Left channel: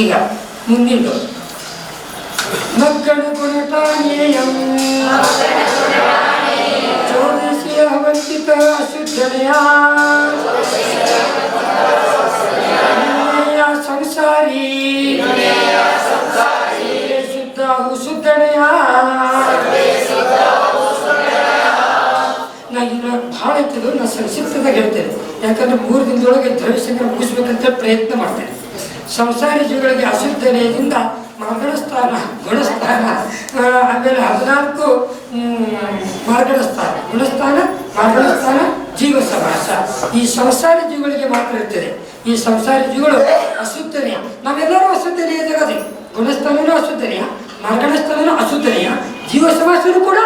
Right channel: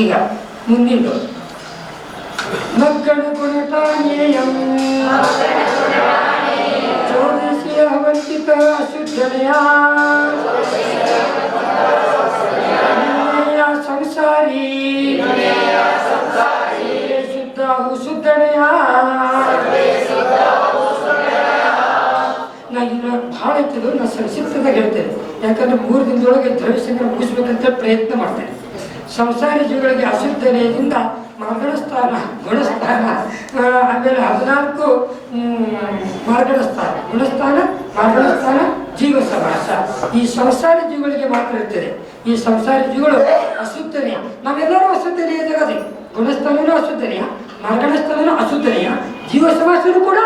ಈಗ ಮುಂದಿಂದು ಮಕ್ಕಳು ಗುಣಪಾನೀಯಂ ಚೋದಿಸಿ ಅವಂತಿತ ಅಶುದ್ಧನೆಯ ಸಂಸಾರಿ. ಶುದ್ಧ ಶುದ್ಧನೆಯ. ನಾ ಇನ್ನು ಭಾಳ ಇರ್ತದೆ ನಾನು ಸಂಕ್ಷಿಪ್ತದಾಗ ಹೇಳ್ತೇನೆ. ಯಾಕಂದ್ರೆ ಮೂರು ದಿನದೊಳಗೆ ದ್ರವ್ಯಸಂಗ್ರಹ ಮುಗಿಸ್ಬೇಕಂತ ಪ್ರಯತ್ನ ಮಾಡ್ತೇನೆ. ಸಂಸಾರಿ ಜೀವಿಗಳಿಗೆ ಅಶುದ್ಧನೆಯಿಂದ ಮಾರ್ಗಣ ಸ್ಥಾನ ಗುಣಸ್ಥಾನ ಆಮೇಲೆ ಹದಿನಾಲ್ಕು ಹ್ಮ್, ಸ್ಥಾನ ಗುಣಸ್ಥಾನ ಮಾರ್ಗಣ ಸ್ಥಾನ ಜೀವ ಸಮಾಸ ಈ ಸಂಸಾರ ಜೀವಿಗಳಿಗೆ ಮಾತ್ರ ಇರ್ತದೆ ಈ ಸಂಸಾರ ಜೀವಗಳು ಅಸುತ್ತನೆಯ ನಾವೆಲ್ಲರೂ ಅಸುತ್ತನೆಯ ಜಗದೆ ಗುಣಸ್ಥಾನನೂ ಅಶುದ್ಧನೆಯ? ಮಾರ್ಗಣ ಸ್ಥಾನನೂ ಅಶುದ್ಧನೆಯ? ಜೀವ ಸಮಾಸನೂ ಕೂಡ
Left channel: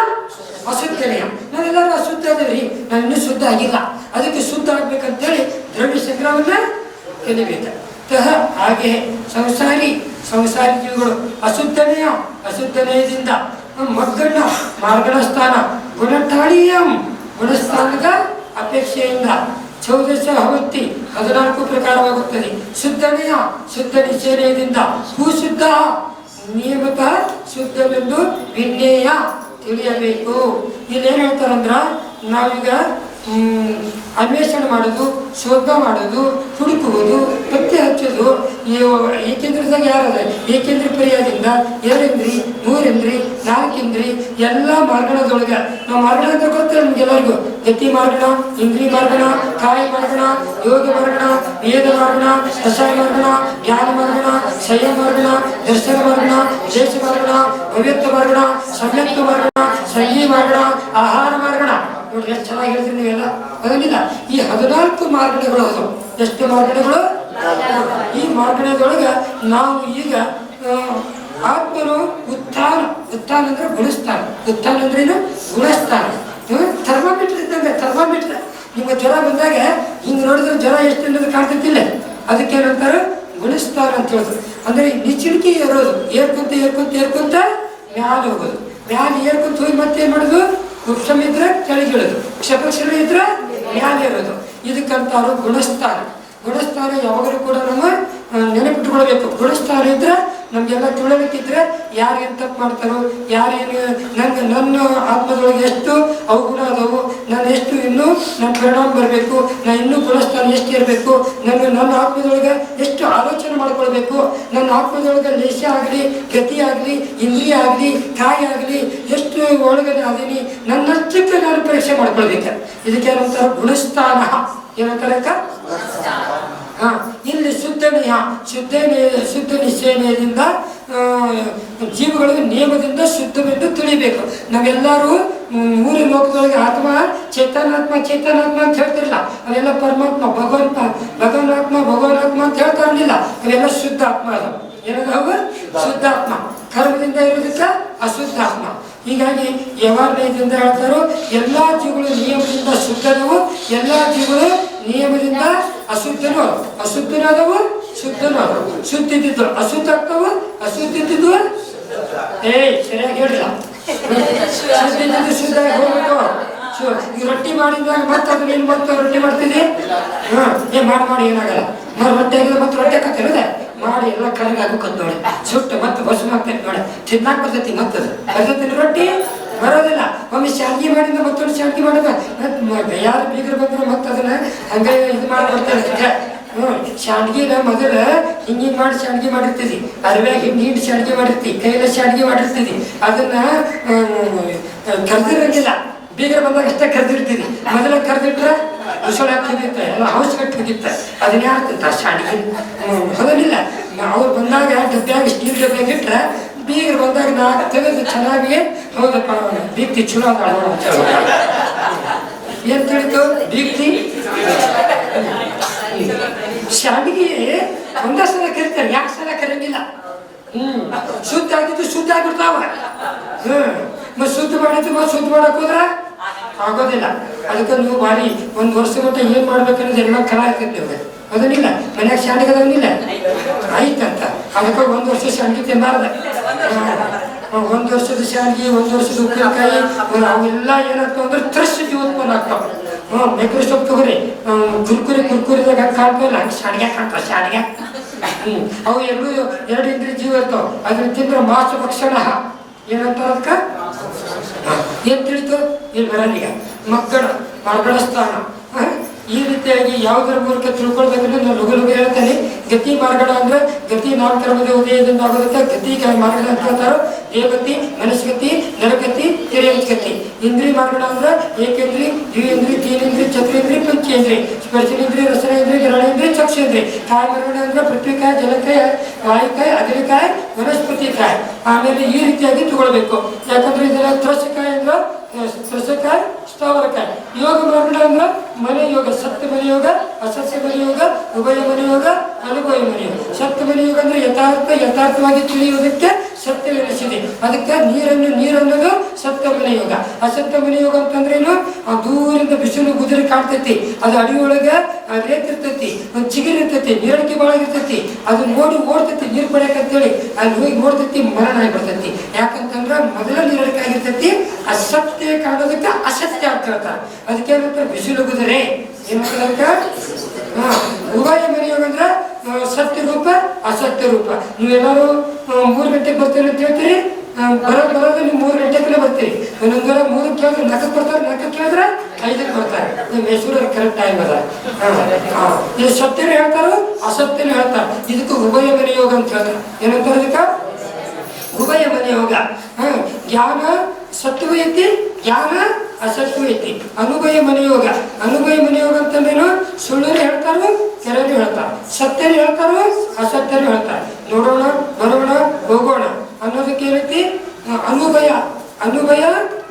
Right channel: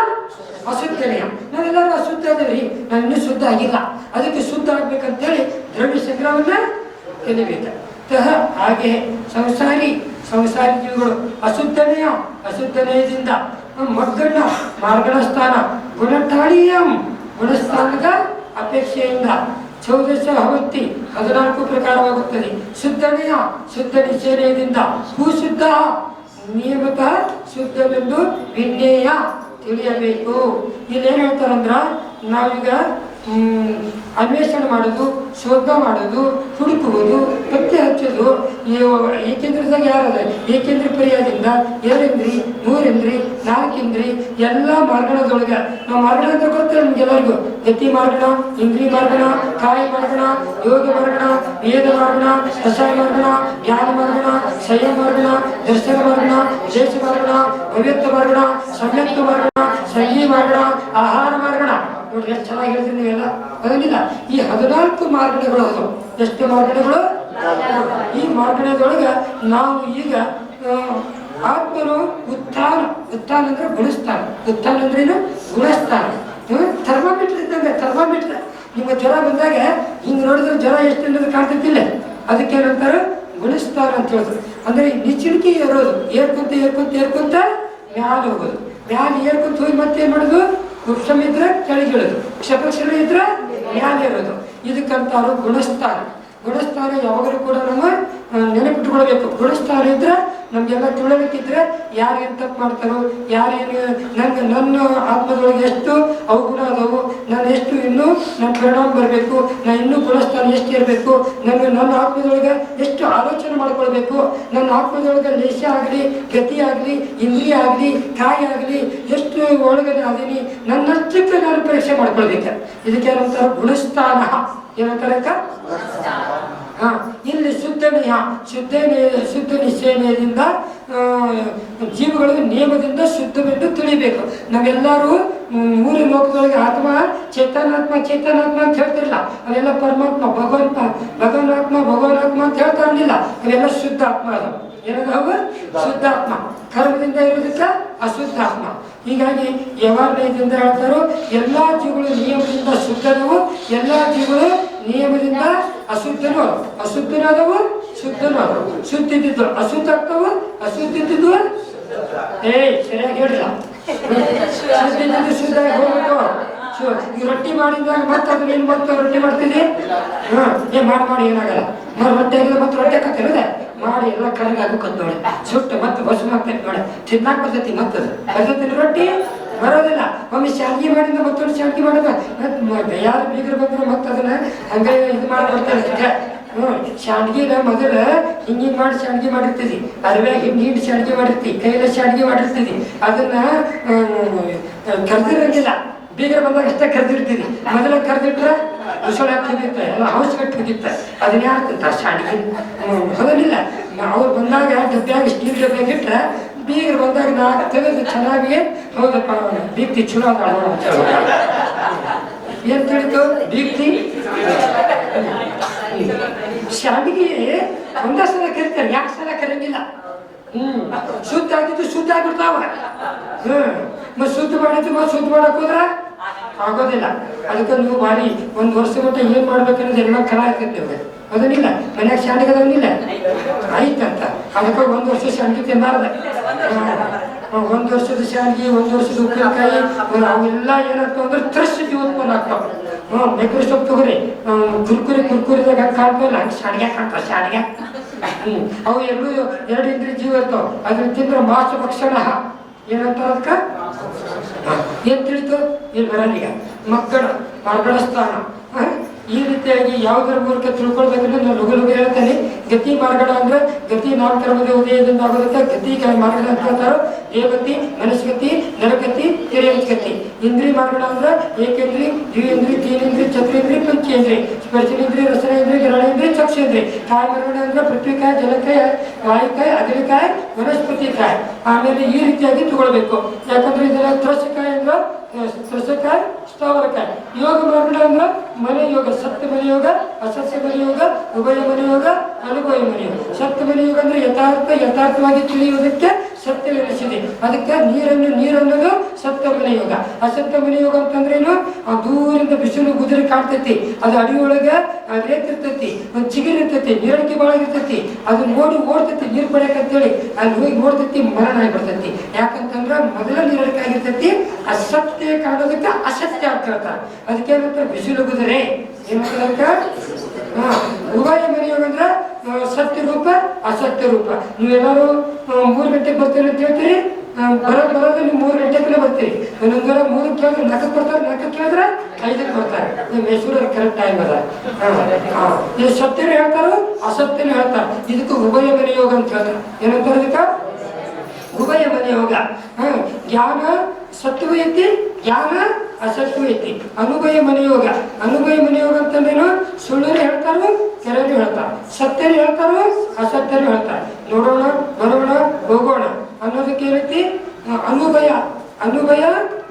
ಅಸುತ್ತನೆಯ ನಾವೆಲ್ಲರೂ ಅಶುದ್ಧ ಅದೇವಿ ನಾನು ಇನ್ನೂ ಶುದ್ಧ ಆಗಿಲ್ಲ. ಅದಕ್ಕೆ ಶುದ್ಧ ಆಗ್ಬೇಕಂತೇಳಿ ದ್ರವ್ಯ ಸಂಗ್ರಹವನ್ನ ಕಲಿಬೇಕು. ತಹ ಹಾಗೆ ಸಂಸಾರಿ ಸಂಸಾರಿ ಜೀವಿಗಳು ಅಶುದ್ಧನೆಯ, ಅಶುದ್ಧನೆಯದಿಂದ ಮಗ್ಗಣ್ಣ ಮಾರ್ಗಣ ಸ್ಥಾನ ಗುಣಟಾಳಿಯಂ ಗುಣಸ್ಥಾನದ ಅಪೇಕ್ಷೆಯಿಂದ ಚೌದಶ ಹವತ್ತಿ ಹದಿನಾಲ್ಕು ಪ್ರಕಾರವಾಗುತ್ತದೆ. ಶುದ್ಧನೆಯ, ಶುದ್ಧ ನಿಶ್ಚಯದಿಂದ ಭೂಶುದ್ಧ, ನಿಯಮಿತ ಶುದ್ಧವೆಂದು ವಿನ್ಯಯ ತಿಳಿಯಬೇಕು. ಇಲ್ಲೇನು ಹೇಳ್ತಾರಂದ್ರ ನಾವೀಗ ಅನ್ವೇಷಣೆ ಮಾಡೋದು ಶೋಧ ಮಾಡೋದು, ಹುಡುಕುವುದು, ಪತ್ತೆ ಹಚ್ಚೋದು ಏಕೆಂದ್ರದಾಗ ಯಾರದ ಏಕೆಂದ್ರೆ ಪರ್ಯಾಯದಿಂದ ಎರಡೆಂದ್ರಿ, ಮೂರೆಂದ್ರಿ, ನಾಲ್ಕೆಂದ್ರಿ, ಎಲ್ಲ ಮಾರ್ಗಣದೊಳಗೆ ನಾವು ಮಾರ್ಗಣ ಅಂತ ಗೊತ್ತಿಲ್ಲ ನಿಮ್ಗೆಲ್ಲರಿಗೂ. ಗತಿ ಮಾರ್ಗಣ, ಇಂದ್ರಿ ಮಾರ್ಗಣ, ಕಾಯಿ ಮಾರ್ಗಣ, ಯೋಗ ಮಾರ್ಗಣ, ವೇದ ಮಾರ್ಗಣ ಕಷಾಯ ಮಾರ್ಗಣ, ಜ್ಞಾನ ಮಾರ್ಗಣ ಶಯ ಮಾರ್ಗಣ, ದರ್ಶನ ಮಾರ್ಗಣ ದೇಶ ಮಾರ್ಗಣ, ಭವ್ಯತ್ವ ಮಾರ್ಗಣ ಸಂಯುಕ್ತ ಮಾರ್ಗಣ, ಸಂಗೀ ಮಾರ್ಗಣ, ಆಹಾರ ಮಾರ್ಗಣ. ನೋಡಿ ಎಷ್ಟು ಚೆನ್ನಾಗಿ ಹೇಳ್ತೀನಿ ನೀವೆಲ್ಲ. ಅದರಿಂದ ಈ ಹದಿನಾಲ್ಕು ಮಾರ್ಗಣಗಳು ಅದು. ಎಷ್ಟು ಮಾರ್ಗಣಗಳು ಈ ಮಾರ್ಗದೊಳಗೆ ನಾವು ಈಗ ಆತ್ಮನು ಉತ್ಥಾನ ಉತ್ಥಾನ ಅಂದ್ರೆ ಗುಣಿಸ್ತಾನೆ ಉತ್ಥಾನ ಅಂದ್ರೇನು ಗುಣಿಸ್ತಾನೆ ಥರ್ಮಾಮೀಟರ್ ಇದ್ದಂಗೆ ಥರ್ಮಾಮೀಟರ್. ನಿಮ್ಗೆ ಜ್ವರ ಬಂದಾಗ ಹಿಂಗೆ ನೋಡಿದ್ರೆ ಜ್ವರ ಎಷ್ಟು ಅನ್ನೋದು ಕಾಣ್ತಿದ್ದಿಲ್ಲ ಅದಕ್ಕೆ ಏನಂತಾರೆ? ಗುಣಿಸ್ತಾನ ಅಂತ ಹೇಳೋದು ಅಂದ್ರೆ ನಿಚ್ಚಿಣಿಕೆ ಏರೋದು. ಏರ್ಕೊಂತ ಏರ್ಕೊಂತ ಏರ್ಕೊಂತ ಮ್ಯಾಲ ಹೋಗೋದು. ಮ್ಯಾಲ ಏರ್ಕೊಂತ ಹೋಗಿ ಮತ್ತೆ ಏನ್ ಮಾಡೋದು? ವೃಕ್ಷಮ ಇದ್ರೆ ಕೆಳಗಿಳೋದು ಕ್ಷಪಕ್ಷರ ಇದ್ರೆ ಮ್ಯಾಲೆ ಇರೋದು. ಇದಕ್ಕಂತಾರು ಗುಣಸ್ಥಾನ. ಗುಣಿಸ್ತಾರೆ ಯಾವಾಗಲೂ ಕೂಡ ನಮ್ಮ ಆ, ನೆನಪಿಟ್ಕೊಳ್ಬೇಕು ಗುಣಸ್ಥಾನ ಇದ್ರೆ ನಮ್ಗೆಲ್ಲ ತಿಳುವಳಿಕಿದ್ರೆ ಯಾರು ಏನು ತಪ್ಪು ಮಾಡ್ತಾರೋ ಯಾರೇನು ನನ್ನ ನನ್ನ ಆತ್ಮದೊಳಗೆ ಎಷ್ಟು ಅವಗುಣ ಅದಾವು, ನಾನು ಎಷ್ಟು ಇನ್ನೂ ನನ್ನ ಪರಿಣಾಮ ಬರಬೇಕು ನಾನು ಇನ್ನೂ ಗುಣಸ್ಥಾನ ಎಷ್ಟು ಇರಬೇಕು ನನ್ನ ನನ್ನ ಆತ್ಮದೊಳಗೆ ಎಷ್ಟು ಆಲೋಚನೆ ಮಾಡ್ಕೊಳ್ಬೇಕು, ನನ್ನ ಆತ್ಮದೊಳಗೆ ಲೇಷ ಆಗಲಿ, ಗತಿ ಆಗಲಿ ಇಲ್ಲಿ ಆಗಲಿ ಕಾಯಿ ಆಗಲಿ, ಎಷ್ಟು ಒಳಗಡೆ ನನ್ನ ನನ್ನಷ್ಟಕ್ಕೆ ನಾನು ಪರೀಕ್ಷೆ ಮಾಡ್ಕೊಳ್ಬೇಕು. ಇದಕ್ಕೆ ಏನಂತಾರೆ? ಗುಣಸ್ಥಾನ. ಏನಂತಾರೆ ಇಲ್ಲಿ ಶುದ್ಧ ನಿಯ ಶುದ್ಧ ಶುದ್ಧ ನಿಶ್ಚಯದಿಂದ ಜೀವಗಳಿಗೆ ನಿಯಮದಿಂದ ಶುದ್ಧವೆಂದು ತಿಳಿಬೇಕು. ನಾವೆಲ್ಲರೂ ಮೂರು ಲೋಕಗಳಿಗೆ ಆತ್ಮ, ಚೇತನಾತ್ಮ ಚೇತನಾತ್ಮ ಅಂತ ಹೇಳ್ತಿರಲಿಲ್ಲ ಅವೆಲ್ಲ ಪರಮಾತ್ಮ, ಭಗವಂತ ಭಗವನಾತ್ಮ ಭಗವನಾತ್ಮ ಅಂತ ಹೇಳ್ತಾ ಇರಲಿಲ್ಲ. ಅವೆಲ್ಲ ಶುದ್ಧ ಆತ್ಮ ಅದು ಏನದಾವ ಶುದ್ಧಾತ್ಮ. ಕರ್ಮದಿಂದ ಇರೋದಕ್ಕೆ ಅಶುದ್ಧಾತ್ಮ. ಹೀಗಾಗಿ ಯವಾರ್ಣಯದಿಂದ ಹೇಳ್ತಾರೋ, ಎಲ್ಲಾ ಜೀವಗಳು ನಿಯಮದಿಂದ ಶುದ್ಧದವು ಎಲ್ಲಾ ಜೀವಗಳು ನಿಯಮದಿಂದ ಅಶುದ್ಧನು, ಅಶುದ್ಧನಾದವು, ಶುದ್ಧನು. ಶುದ್ಧ ಶುದ್ಧಿದ್ದು ಅಶುದ್ಧ ಅಶುದ್ಧಿದ್ದು ಏ ಸರಿಯಾಗಿ ಹೇಳಿಲ್ಲ ಶುದ್ಧಿದ್ದು ಶುದ್ಧ ಹೋಗ್ಬೇಕು ಈ ರೊಟ್ಟಿ ಮಾಡಿದಾಗ ಮತ್ತೆ ಅದನ್ನ ಏನ್ ಮತ್ತೆ ರೊಟ್ಟಿ ಮಾಡ್ತಿದ್ದೆ? ಹಾ, ಏ, ಮಾಡಿ ಮಾಡಿ, ಏನಾಗಲ್ಲ. ಮಾಡಿ ರೊಟ್ಟಿ ಆಗಿದ್ರೆ ಮತ್ತೆ ರೊಟ್ಟಿ ಹಾಕತ್ತಿರದೆ ಮಾಡಿ, ಎಲ್ಲ ಕರಗ ಆಗ್ಬೇಕಂತ ನೋಡಿ. ಸುಟ್ಟು ಮತ್ತೆ ಬಸ್ ಮಾಡ್ತೇನೆ ನೋಡಿ. ತಿನ್ನಾಕ್ ಬರ್ತೈತಿ ಮತ್ತದು. ಬರ್ತೈತಿ ರೊಟ್ಟಿ? ಬರೋದಿಲ್ಲ. ಒಮ್ಮೆ ಶಾಂತಿ ಮಾಡಿದ ಮತ್ತೊಂದು ಶಾಂತಿ ಮಾಡೋದ. ಯಾರು ಬೀಗರು ಬಂದ್ರೆ ಮತ್ತೆ ಅದನ್ನ ಹಂಗೆ ಇದು ಮಾಡಿ ಬರ್ತಾರೆ. ಅದಕ್ಕೆ ಹ್ಮ್ ಶಾಂಡ್ಗಿನ ಮೊದಲ ಹಿಂಗಿಂಗ್ ಮಾಡಿ ಶಾಂಡ್ಗಿ ಮಾಡಿರ್ತೀವಿ ಅರಿವ್ಯಾಗ ಹಿಂಗೆ ಹಿಂಡ್ ಶಾಂಡ್ಗಿ ಮಾಡಿರ್ತಿ. ಕೈಲ ಶಾಂಡ್ಗಿ ಮಾಡಿರ್ತೀವಿ ಅದನ್ನ ಕರೆದಿರಂಗಿಲ್ಲ. ಬೀಗರ ಬಂದಾಗ ಅಷ್ಟೇ ಕರೆದಿರ್ತೀವಿ ಮೊದಲ ಕರೆದಿಟ್ರೆ ಉಸುಳ ಹಾಕಿದಿತ್ತ, ಎಲ್ಲ ಹೌಸ್ ಕಟ್ಟಿದಿತ್ತ ಅದನ್ನ ಯಾರು ತಿಂತ ಶಾಂಡ್ಗಿ ಹೌದಿಲ್ಲ. ಅವ್ರು ಬಂದಾಗ ಡಬ್ಬಿಯಾಗ ಸ್ಟೀಲ್ ಡಬ್ಬ್ಯಾಗ ಇಟ್ರೆ ಬೀಗರು ಬಂದಾಗ ನಾಲ್ಕು ತೆಗೆದು ಚೆನ್ನಾಗಿ ಹೌದಪ್ಪ ದೀಪ್ತಿ ಚಲೋ ಏನು. ಏನ್ ತಿಳಿತು ದೀಪ್ತಿ ಶಾವಿಗೆ ಒಂದೇ ಸಲ ಕರಿತಾರೆ ಯಾಕೆ ಸಲ ಕರೆಯಂಗಿಲ್ಲ ಹ್ಮ್ ಶುದ್ಧ ಆಗಿದ್ದು ಶುದ್ಧ ಆಗಿರ್ತಾವ ಹ್ಮ್ ಮತ್ತೆ ಶುದ್ಧ ಮಾಡಿದ್ದು ಮತ್ತೆ ಶುದ್ಧ ಮಾಡಕ್ ಹೋದ್ರ ಆಗೋದಿಲ್ಲ ಅದಕ್ಕೆ ನೀವು ಬಾರಿ ಒಂದ್ ವರ್ಷ ಮಟ್ಟ ಏನ್ ಮಾಡ್ಬೇಕನ್ನೋದು ಎಲ್ಲ ಕಲ ಆಗ್ತೈತಿ ನಿಮ್ಗೆ ಅದನ್ನಿಲ್ಲ ಮನ್ಯಾಗ ಶಾಂಡಿಗೆ ಅದನ್ನಿಲ್ಲ ಆಯ್ತಂತ ಅದಕ್ಕೆ ಒಂದ್ ವರ್ಷ ಶಾಂಡಿಗೆ ತಿನ್ನಾರ್ದ ಒಂದ್ ವರ್ಷದ ಶಾಂಡಿಗೆ ಒಂದ್ ವರ್ಷದ ಉಪ್ಪಿನಕಾಯಿ ಅವೆಲ್ಲ ಏನಾಗ್ತಾವ ಅಂದ್ರೆ ತ್ರಶ್ ಉತ್ಪನ್ನ ಆಗ್ತಾವ. ಹ್ಮ್ ಮೈಕ್ರೋಸ್ಕೋಪ್ ತಗೋರಿ. ಕುರ್ಕುರಿ, ಕುರ್ಕುರಿದಾಗ ಕಾಣ್ತಾವಲ್ಲ, ಹಂಗೆ ಶಾಡಿಗೆ ಕಾಣ್ತಾವ ಶಾಡಿಗೆ ಹ್ಮ್. ಅವು ಎರಡು ಎರಡು ಇಂದ್ರ ಜೀವ ಇರ್ತಾವ. ಅದ್ರ ತಿಂದ್ರ ಮಾಸ ಭಕ್ಷಣ. ಏನಂತಾರ ಅದಕ್ಕೆ? ಏನ್ ತಿಳಿತು? ಇಲ್ಲಿ ಬರಲ್ಲ ಮಕ್ಕಳ ಮರಗಳ ಸ್ಥಾನ? ಈ ರೀತಿಯಾಗಿ ಯಾವುದರ ಮೂಲಕ ತಿಳ್ಕೊಳ್ಬೇಕಂದ್ರೆ ನಾನು ಲಘು ಲಘು ಹೇಳ್ತೇನೆ. ಗತಿ ಮಾರ್ಗಣ ಅಂದ್ರೆ ಗತಿ ನಾಮಕರ್ಮದ ಉದಯದಿಂದ ಆಗೋದಕ್ಕೆ ಗತಿ ಮಾರ್ಗಣ ಅಂತ ಹೇಳ್ತಾರೋ, ದೇವಗತಿ ಮನಸ್ಗತಿ ನರಗತಿ ತಿರೇಂದ್ರಗತಿ ಇಂದ್ರಿಯ ಮಾರ್ಗಣ ಅಂದ್ರೆ ಏಕೇಂದ್ರಿ ದ್ವಿಂದ್ರಿ ತೀನೇಂದ್ರಿ, ಚತುರೇಂದ್ರಿ, ಪಂಚೇಂದ್ರಿ. ಸ್ಪರ್ಶನೇಂದ್ರಿ, ರಸನೇಂದ್ರಿ ಗ್ರಹಣೇಂದ್ರಿ ಚಕ್ಷೇಂದ್ರಿ. ಕಾಯ ಮಾರ್ಗಣ ಅಂದ್ರೆ ಪೃಥ್ವಿಕಾಯ ಜಲಕಾಯ ವಾಯುಕಾಯ ವನಸ್ಪತಿ ವನಸ್ಪತಿಕಾಯ. ಆಮೇಲೆ ಈ ರೀತಿಯಾಗಿ ತಗೊಳ್ಬೇಕು. ಯಾಕಂದ್ರೆ ಇದರ ತ್ರಸಕಾಯ ಅಂದ್ರೆ ತ್ರಸಕಾಯ ಸ್ಥಾವರಕಾಯ ಯೋಗ ಮಾರ್ಗಡ ಮನೆ ಯೋಗ ಸತ್ಯ ಮನೆ ಯೋಗ ಮನೆಯೋಗ ಮನೆ ಯೋಗ ಉಭಯ ಮನೆ ಯೋಗ ಅನುಭವ ಮನೆ ಯೋಗ ಸತ್ಯ ಮನೆ ಯೋಗ ಅಂದ್ರೆ ಯಥಾರ್ಥ, ಯಥಾರ್ಥವಾಗಿ ತಿಳಿಯುವುದಕ್ಕೆ ಸತ್ಯವೆನಿಸಿದೆ ಅದಕ್ಕೆ ನೀರನ್ನು ನೀರನ್ನೋದು ಸತ್ಯ ಮನೆ ಯೋಗ. ಆ ಮನೆ ಯೋಗ ಅಂತಂದ್ರೆ ಏನು ಆ ದೂರಿಂದ ಬಿಸಿಲು ಗುದುರಿ ಕಾಣ್ತೈತಿ. ಅದು ಅಡಿಯೊಳಗೆ ರೇತಿರ್ತೈತಿ ಒಂದು ಚಿಗುರು ಇರ್ತೈತಿ ನೀರಡಿಕೆ ಭಾಳ ಇರ್ತೈತಿ. ಅದು ನೋಡಿ ಓಡ್ತೈತಿ ನೀರು ಅಂತೇಳಿ. ಅಲ್ಲಿ ಹೋಗಿ ಓಡ್ತೈತಿ ಮರಣ ಆಗಿಬಿಡ್ತೈತಿ ಯಾಕಂತಂದ್ರೆ ಮೊದಲ ನೀರಡಿಕೆ ಆಗಿರ್ತೈತಿ ಅಸತ್ಯ ಕಾಣೋದಕ್ಕೆ ಅಸತ್ಯ ಅಂತ ಹೇಳ್ತಾರೆ. ಅದಕ್ಕೆ ಏನಂತ ಬಿಸಿಲು ಗುದುರೆ. ಏನಂತ ಉಭಯ ಮನೆಯೋಗ ಅಂದ್ರೆ ಆ, ಸತ್ಯ ರೂಪ ಅಸತ್ಯ ರೂಪ. ನೀವೆಲ್ಲರೂ ಮೂರು ಗಂಟೆಗೆ ಬರ್ತೀರಿ ಅಂತ ಹೇಳ್ತೀರಿ? ಬರೋ ಬರೋದು ನೀವು ಮೂರು ಗಂಟೆಗೆ ಬರ್ತೀರಿ. ಒಂದೊಂದರ ಮೂರು ಕೇಳಿದ್ರೆ ನಾಲ್ಕು ಬರ್ತಾರೆ ನಾಲ್ಕು ಕೇಳಿದ್ರೆ ಐದಕ್ಕೆ ಬರ್ತಾರೆ. ನಿಮ್ಮ ಹೆಸರು ಕರೆಕ್ಟ್ ಟೈಮ್ ಅದ. ಇದು ಸತ್ಯನೂ ಹೇಳ್ತಾರೋ ಅಸತ್ಯನೂ ಹೇಳ್ತಾರೆ. ಇದಕ್ಕೆ ಉಭಯ ಮನೆಯೋಗ ಅಂತ ಹೇಳ್ತಾರೆ. ಏನಂತಾರೆ ಅದಕ್ಕೆ ಉಭಯ ಮನೆ ಯೋಗ. ಹ, ಜ್ಞಾನ ಸತ್ಯವೂ ಐತಿ ಜ್ಞಾನ ಅಸತ್ಯವೂ ಐತಿ ಅನುಭಯ ಮನೆ ಯೋಗ. ಅನುಭಯ ಮನೆ ಯೋಗ ಅಂತಂದ್ರೇನು ಸುಳ್ಳು ಹೇಳ್ತಾರೋ ಕೆರನು ಹೇಳ್ತಾರ. ಸತ್ಯನು ಹೇಳ್ತಾರೆ, ಅಸತ್ಯರು ಹೇಳ್ತಾರೆ. ನೋಡೋಣ ಬರೋಣ ಹೋಗೋಣ ಅನ್ನೋದಕ್ಕೆ ಏನೈತಿ ಅನುಭಯ ಅನುಭಯ